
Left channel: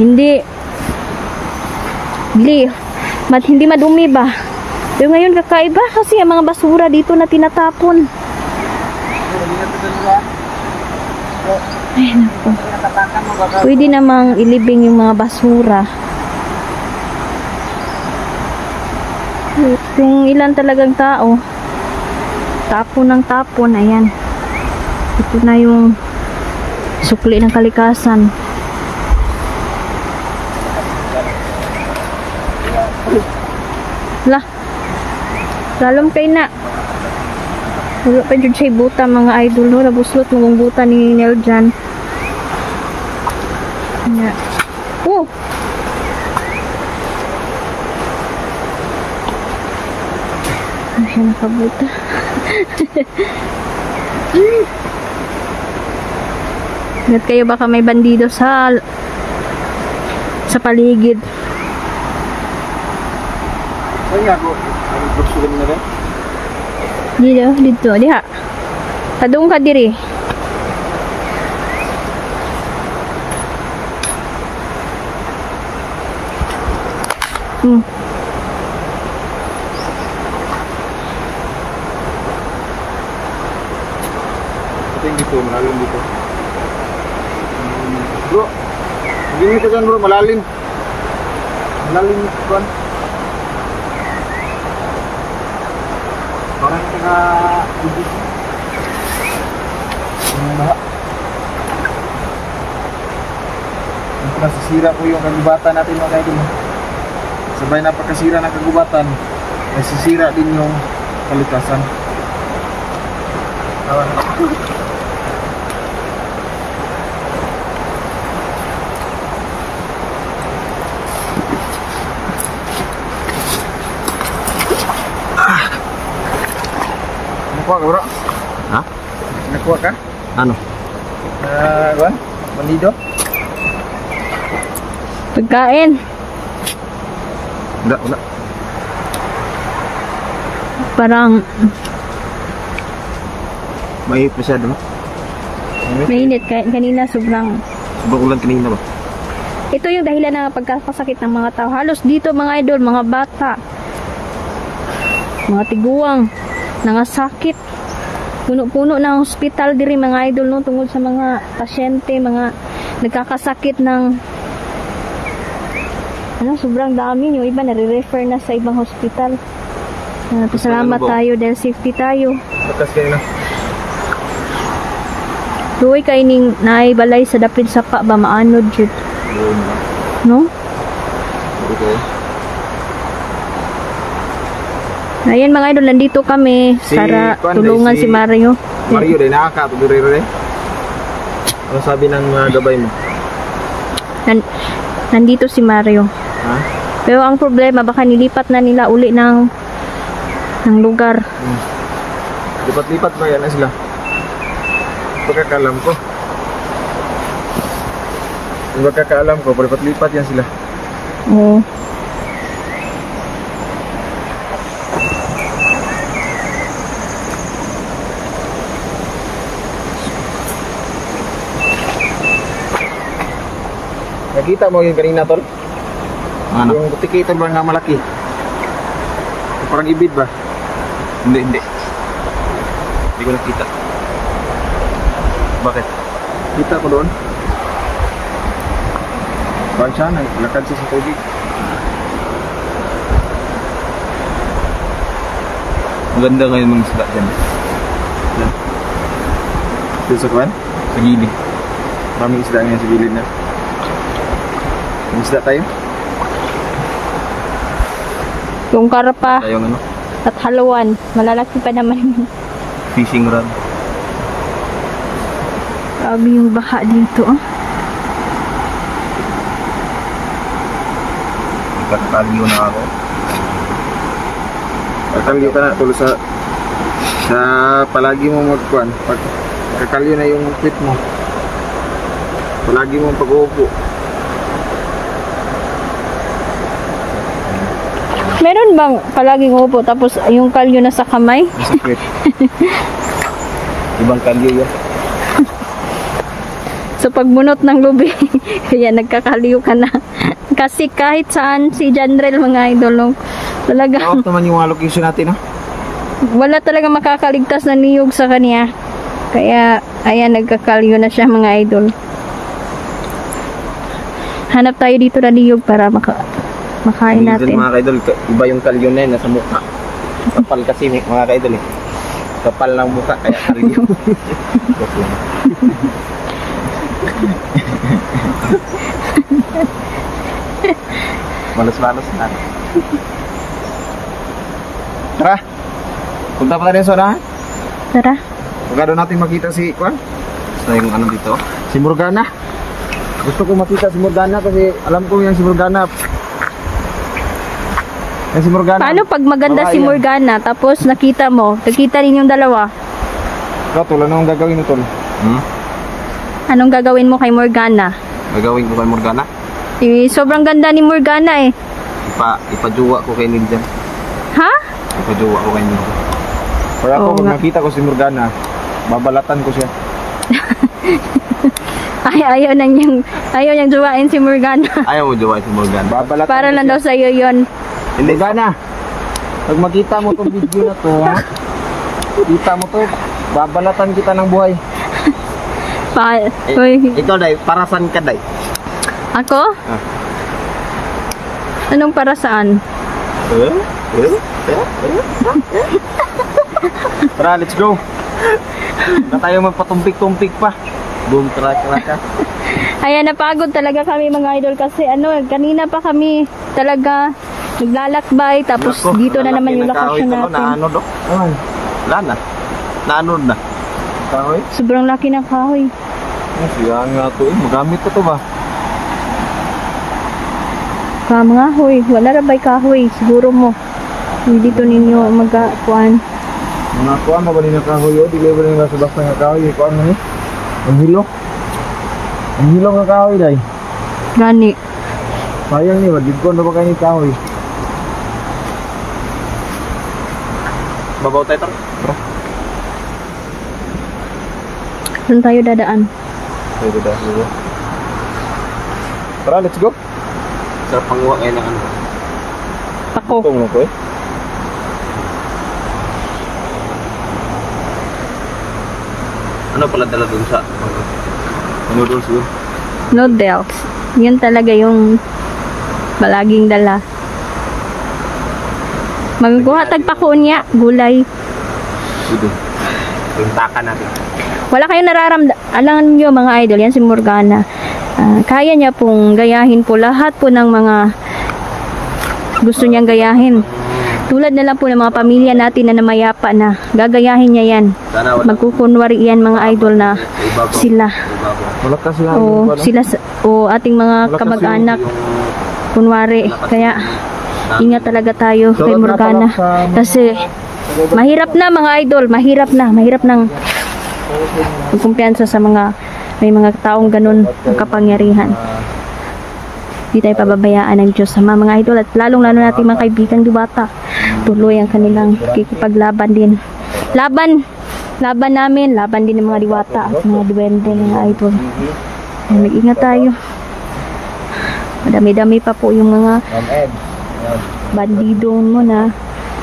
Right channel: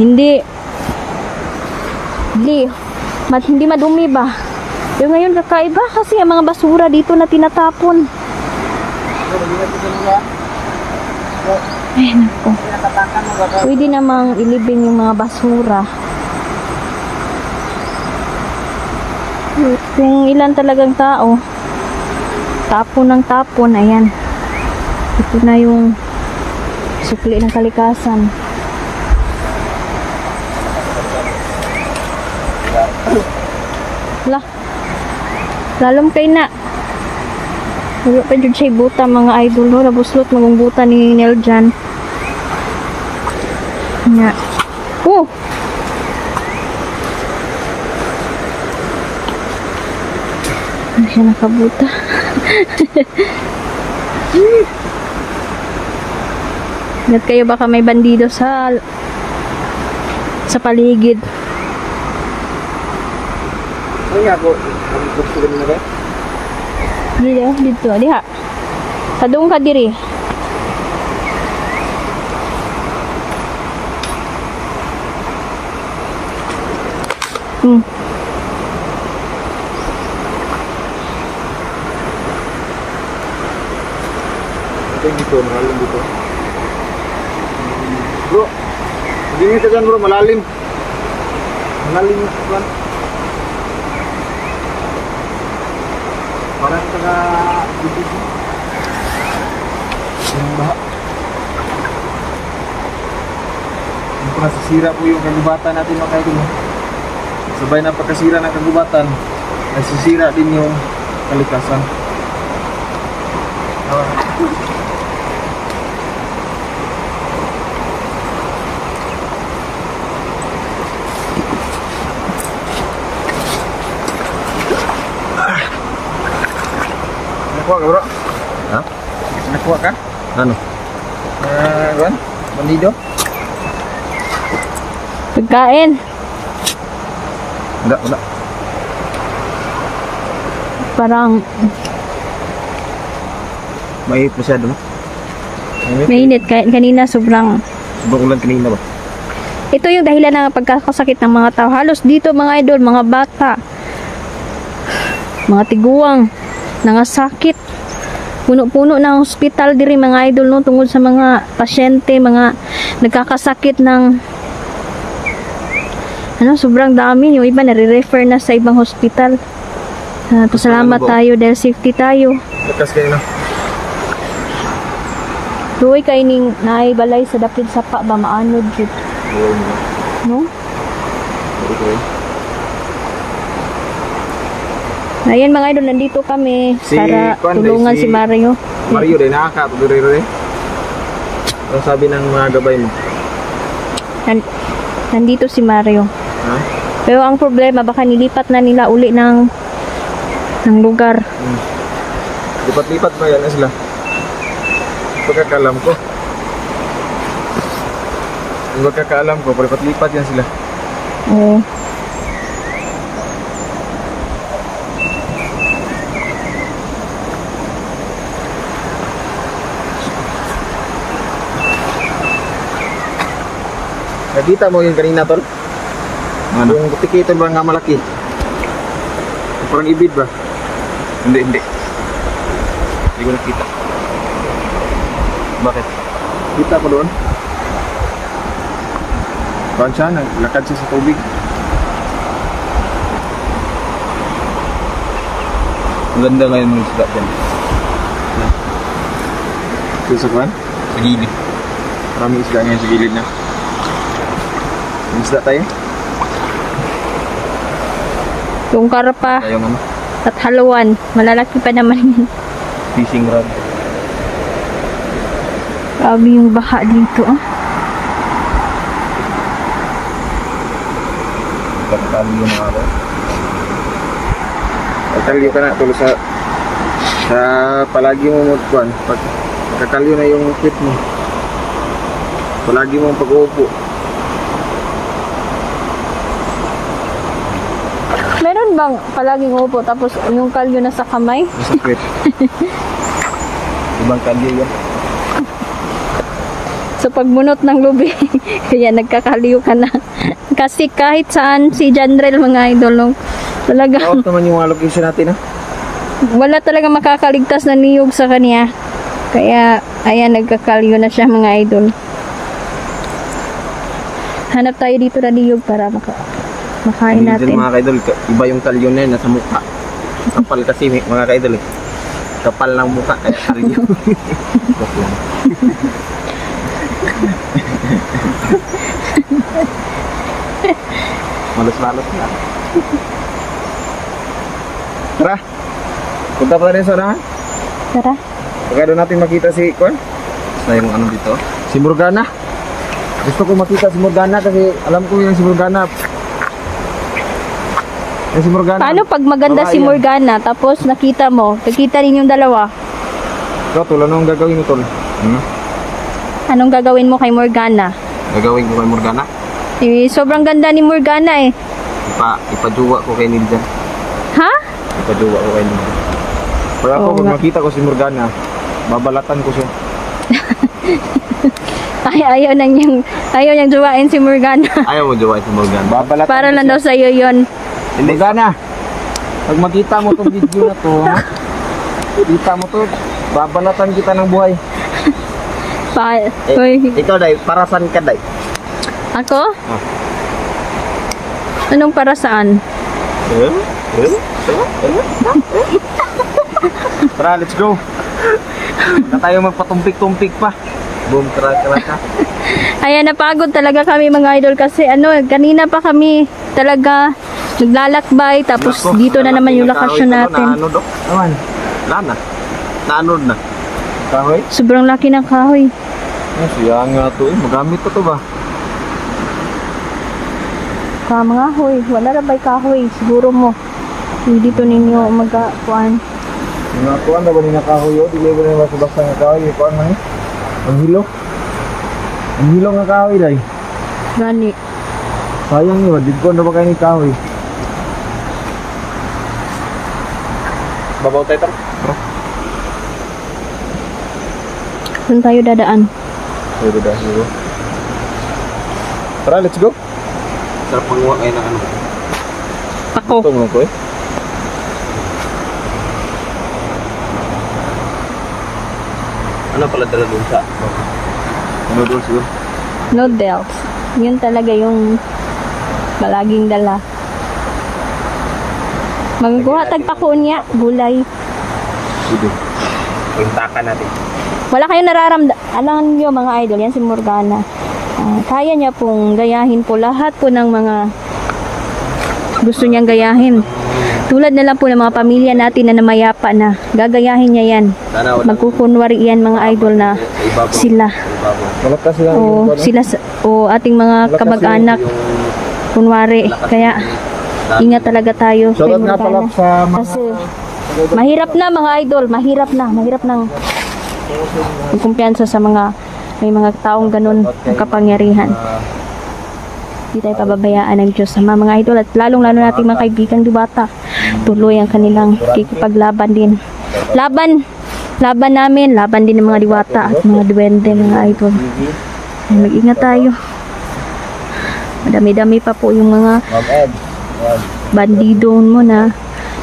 hindi madumi ba. Pero ngayon kakaiba kasi ang mga basura dito na tinatapon. Ay nako, pwede namang ilibing yung mga basura. Kung ilan talagang tao tapon ng tapon, ayan, ito na yung sukli ng kalikasan. Lah, lalom kayo na. Wala pa dyan siya buta mga idol, no? Nabuslot magong buta ni Nel dyan. Nga. Oh! Hindi siya nakabuta. Ingat kayo, baka may bandido sa paligid. Dito, diha. Kadung ka diri. Ito yung dito, malalim dito. Bro, mag-ingat ka dyan bro, malalim. Malalim yung kuwan. Parang taga-ibig mo. Yung baha. Yung nasisira po yung kagubatan natin mga kaidol, no? Sabay na pagkasira ng kagubatan, nasisira din yung kalikasan. Tawa na. Nakuha ka bro? Ha? Nakuha ka? Ano? Juan? Bandido? Pagkain. Wala. Parang Mainit masyado, no? mainit. Kanina sobrang Ulan kanina ba? ito yung dahilan ng pagkakasakit ng mga tao. Halos dito mga idol, mga bata, mga tiguang, nangasakit. Puno-puno ng hospital diri mga idol, no, tungkol sa mga pasyente, mga nagkakasakit ng sobrang dami. Yung iba nare-refer na sa ibang hospital. Pasalamat tayo dahil safety tayo. Bakas kayo, no? Luoy kay ning naibalay sa dapit sapa ba maanod jud, no? Pwede ko eh. Ayan mga idol, nandito kami Si para Kwan, tulungan si- si Mario. Mario din nakakatuturo rin. Ano sabi ng mga gabay mo? Nandito si Mario. Ha? Pero ang problema, baka nilipat na nila uli ng lugar. Lipat-lipat ba yan na sila? Pagkakalam ko. Yung pagkakaalam ko, palipat-lipat yan sila. Oo. Nakita mo yung kanina, tol? Ano? Yung butiki tol ba nga malaki? Yung parang ibid ba? Hindi. Hindi ko nakita. Bakit? Kita ko doon. Parang siya, naglakad siya sa tubig. Maganda ngayon mga isda dyan. Dito sa kuwan? Sa gilid. Maraming isda ngayon sa gilid na. May isda tayo? Yung karpa Tayong ano? at haluan. Malalaki pa naman. Fishing rod. Grabe yung baha dito. Ah. Pagkakaliw na ako. Pagkalyo ka na tulo sa palagi mo mo kuwan. Pag kakalyo na yung quit mo. Palagi mo pag-uupo. Meron bang palaging upo tapos yung kalyo na sa kamay? Nasa quit. Ibang kalye yun. So pagbunot ng lubi, kaya nagkakaliw ka na. Kasi kahit saan si Janrel mga idol, no, talaga Out naman yung mga location natin, no? wala talaga makakaligtas na niyog sa kanya. Kaya ayan, nagkakaliw na siya mga idol. Hanap tayo dito na niyog para makain Minsan natin. mga kaidol, iba yung kalyo na yun, nasa mukha. Kapal kasi mga kaidol eh. Kapal ng mukha kaya kalyo. Malos-malos na. Tara! Punta pa tayo sa na. Tara. Baka doon natin makita si Kwan. Tapos na yung ano dito. Si Morgana. Gusto ko makita si Morgana kasi alam ko yung si Morgana. Si Morgana. Paano pag maganda si Babae yan. Morgana tapos nakita ninyong dalawa? Ikaw, tol, anong gagawin mo, tol? Anong gagawin mo kay Morgana? Gagawin ko kay Morgana. Sobrang ganda ni Morgana eh. Ipajuwa ko kay Niljan. Ha? Ipajuwa ko kay Niljan. Pag ako, Oo pag nga. makita ko si Morgana, babalatan ko siya. Ayaw niyang juwain si Morgana. Ayaw mo juwa si Morgana. Babalatan Para ko lang siya. daw sa'yo yun. Hindi. Morgana, pag makita mo tong video na to, ha? Kita mo to, babalatan kita ng buhay. Uy, Ikaw, Day, para saan ka, Day? ako? Ah. Anong para saan? Tara, let's go. Na tayo magpatumpik-tumpik pa. Boom, kraka. Ayan, napagod talaga kami mga idol kasi kanina pa kami talaga naglalakbay tapos Nako, dito na lalaki naman yung na lokasyon kahoy to, no? natin. Naano, Dok? Naman, Wala na. Naanod na. kahoy. Sobrang laki ng kahoy. Siya nga to, magamit ko to ba? Mga hoy, wala na ba'y kahoy? Siguro mo. Dito ninyo magkakuan. Mga kuha mo ba rin na kahoy o? Dili ba rin basta nga kahoy? Kuha mo ni? Ang hilo. Ang hilo nga kahoy day. Gani. Sayang nyo, dito na ba kayo ni kahoy? Babaw tayo, Tara. Saan tayo dadaan? Pwede ba? Siguro. Tara, let's go. Sarap panguha kayo ng ano ba? Pako. Ito mo ko eh. Ano pala dala dun sa... Ano doon siguro? Noodles. Yun talaga yung palaging dala. Magkuha tagpako niya, gulay. Sige. Puntakan natin. Wala kayong nararamdaman. Alam niyo mga idol, yan si Morgana. Kaya niya pong gayahin po lahat po ng mga gusto niyang gayahin. Tulad na lang po ng mga pamilya natin na namayapa na. Gagayahin niya yan. Sana wala Magkukunwari yan mga idol na sila. Malakas lang. O sila o ating mga kamag-anak. Kunwari. Kaya ingat talaga tayo kay Morgana. Kasi mahirap na mga idol. Mahirap nang kumpiyansa sa mga may mga taong ganun ang kapangyarihan. Hindi tayo pababayaan ng Diyos sama mga idol at lalong-lalo nating mga kaibigang Diwata. Tuloy ang kanilang kikipaglaban din. Laban namin, laban din ng mga Diwata at mga duwende mga idol. Ay, mag-ingat tayo. Madami-dami pa po yung mga bandido mo na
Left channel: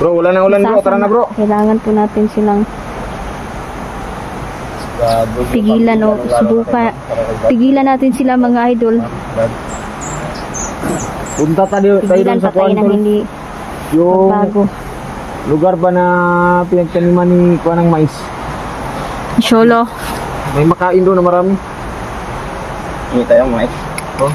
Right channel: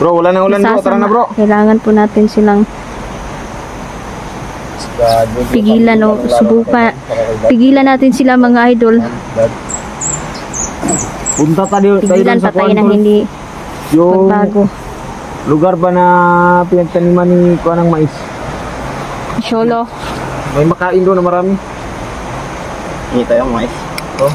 Bro, wala nang ulan bro. Tara na bro. kailangan po natin silang pigilan o subukan. Pigilan natin sila mga idol. Punta tayo Pigilan sa pa tayo kuwan, ng bro. hindi Yung magbago. lugar ba na pinagtaniman ni kuwan ng mais? Solo. May makain doon na marami. Hindi tayo mais. Oh.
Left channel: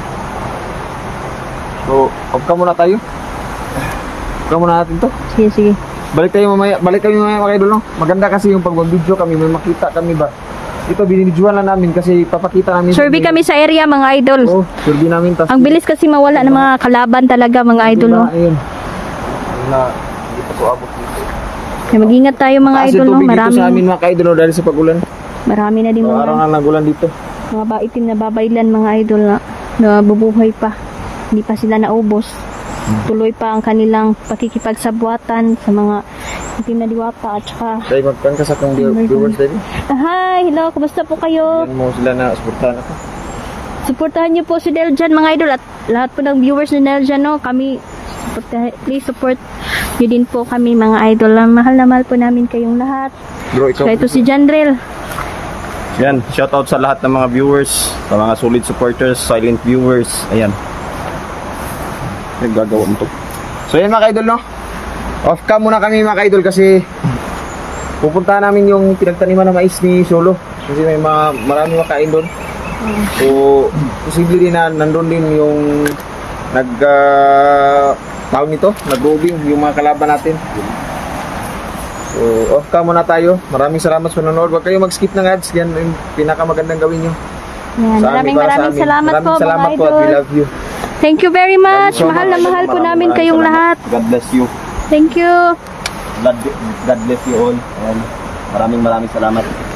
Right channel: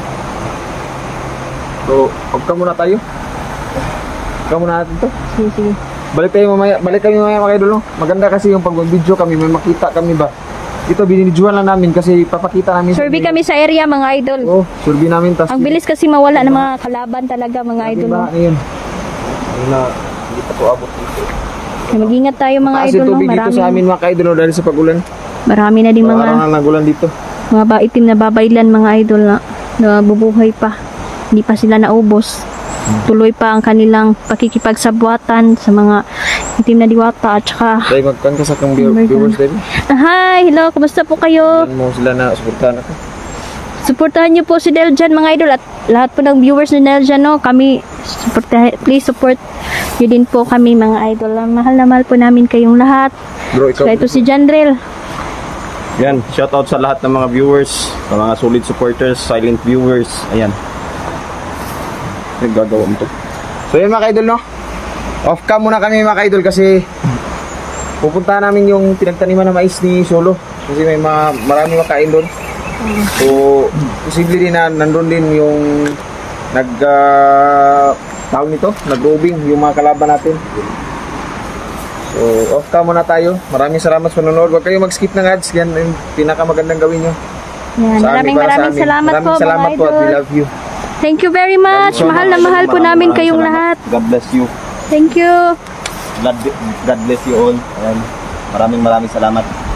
So, huwag ka muna tayo. Huwag ka muna natin to. Sige. Balik kami mamaya mga idol. No? Maganda kasi yung pag-video kami, may makita kami ba. Ito binidyohan lang namin kasi papakita namin. Survey kami sa area mga idol. Oh, survey namin tas. Ang bilis kasi mawala ng mga kalaban talaga mga idol. No? Ayun. Kaya mag-ingat tayo mga Kasi idol. No? tubig dito sa amin mga idol no, dahil sa pag-ulan. Marami na din mga Parang nagulan dito. itim na babaylan mga idol na bubuhay pa. Hindi pa sila naubos. Tuloy pa ang kanilang pakikipagsabwatan sa mga itim na Diwata at saka Dahil magkan ka sa itong Oh my viewers, God. Debbie. hi, hello, kumusta po kayo? Yan mo sila na supportahan ako. Suportahan niyo po si Deljan mga idol at lahat po ng viewers ni Deljan no, kami please support niyo din po kami mga idol. Mahal na mahal po namin kayong lahat. Bro, ikaw. So ito si Janrel. Yan, shoutout sa lahat ng mga viewers, sa mga solid supporters, silent viewers. Ayan. Gagawa mo to. So yun mga idol no. Off cam muna kami mga idol kasi pupuntahan namin yung pinagtaniman na mais ni Solo. Kasi may marami makain doon. So, posible din na nandun din yung tawag nito, nag-roving yung mga kalaban natin. So, off cam muna tayo. Maraming salamat sa panonood. Huwag kayo mag-skip ng ads. Yan yung pinakamagandang gawin nyo. Yan, Sa amin, para sa maraming amin. salamat po Maraming salamat mga po at we idol. love you. Thank you very much. So Mahal na much. mahal po namin Maraming kayong salamat. lahat. God bless you. Thank you. God bless you all. Ayan. Maraming salamat.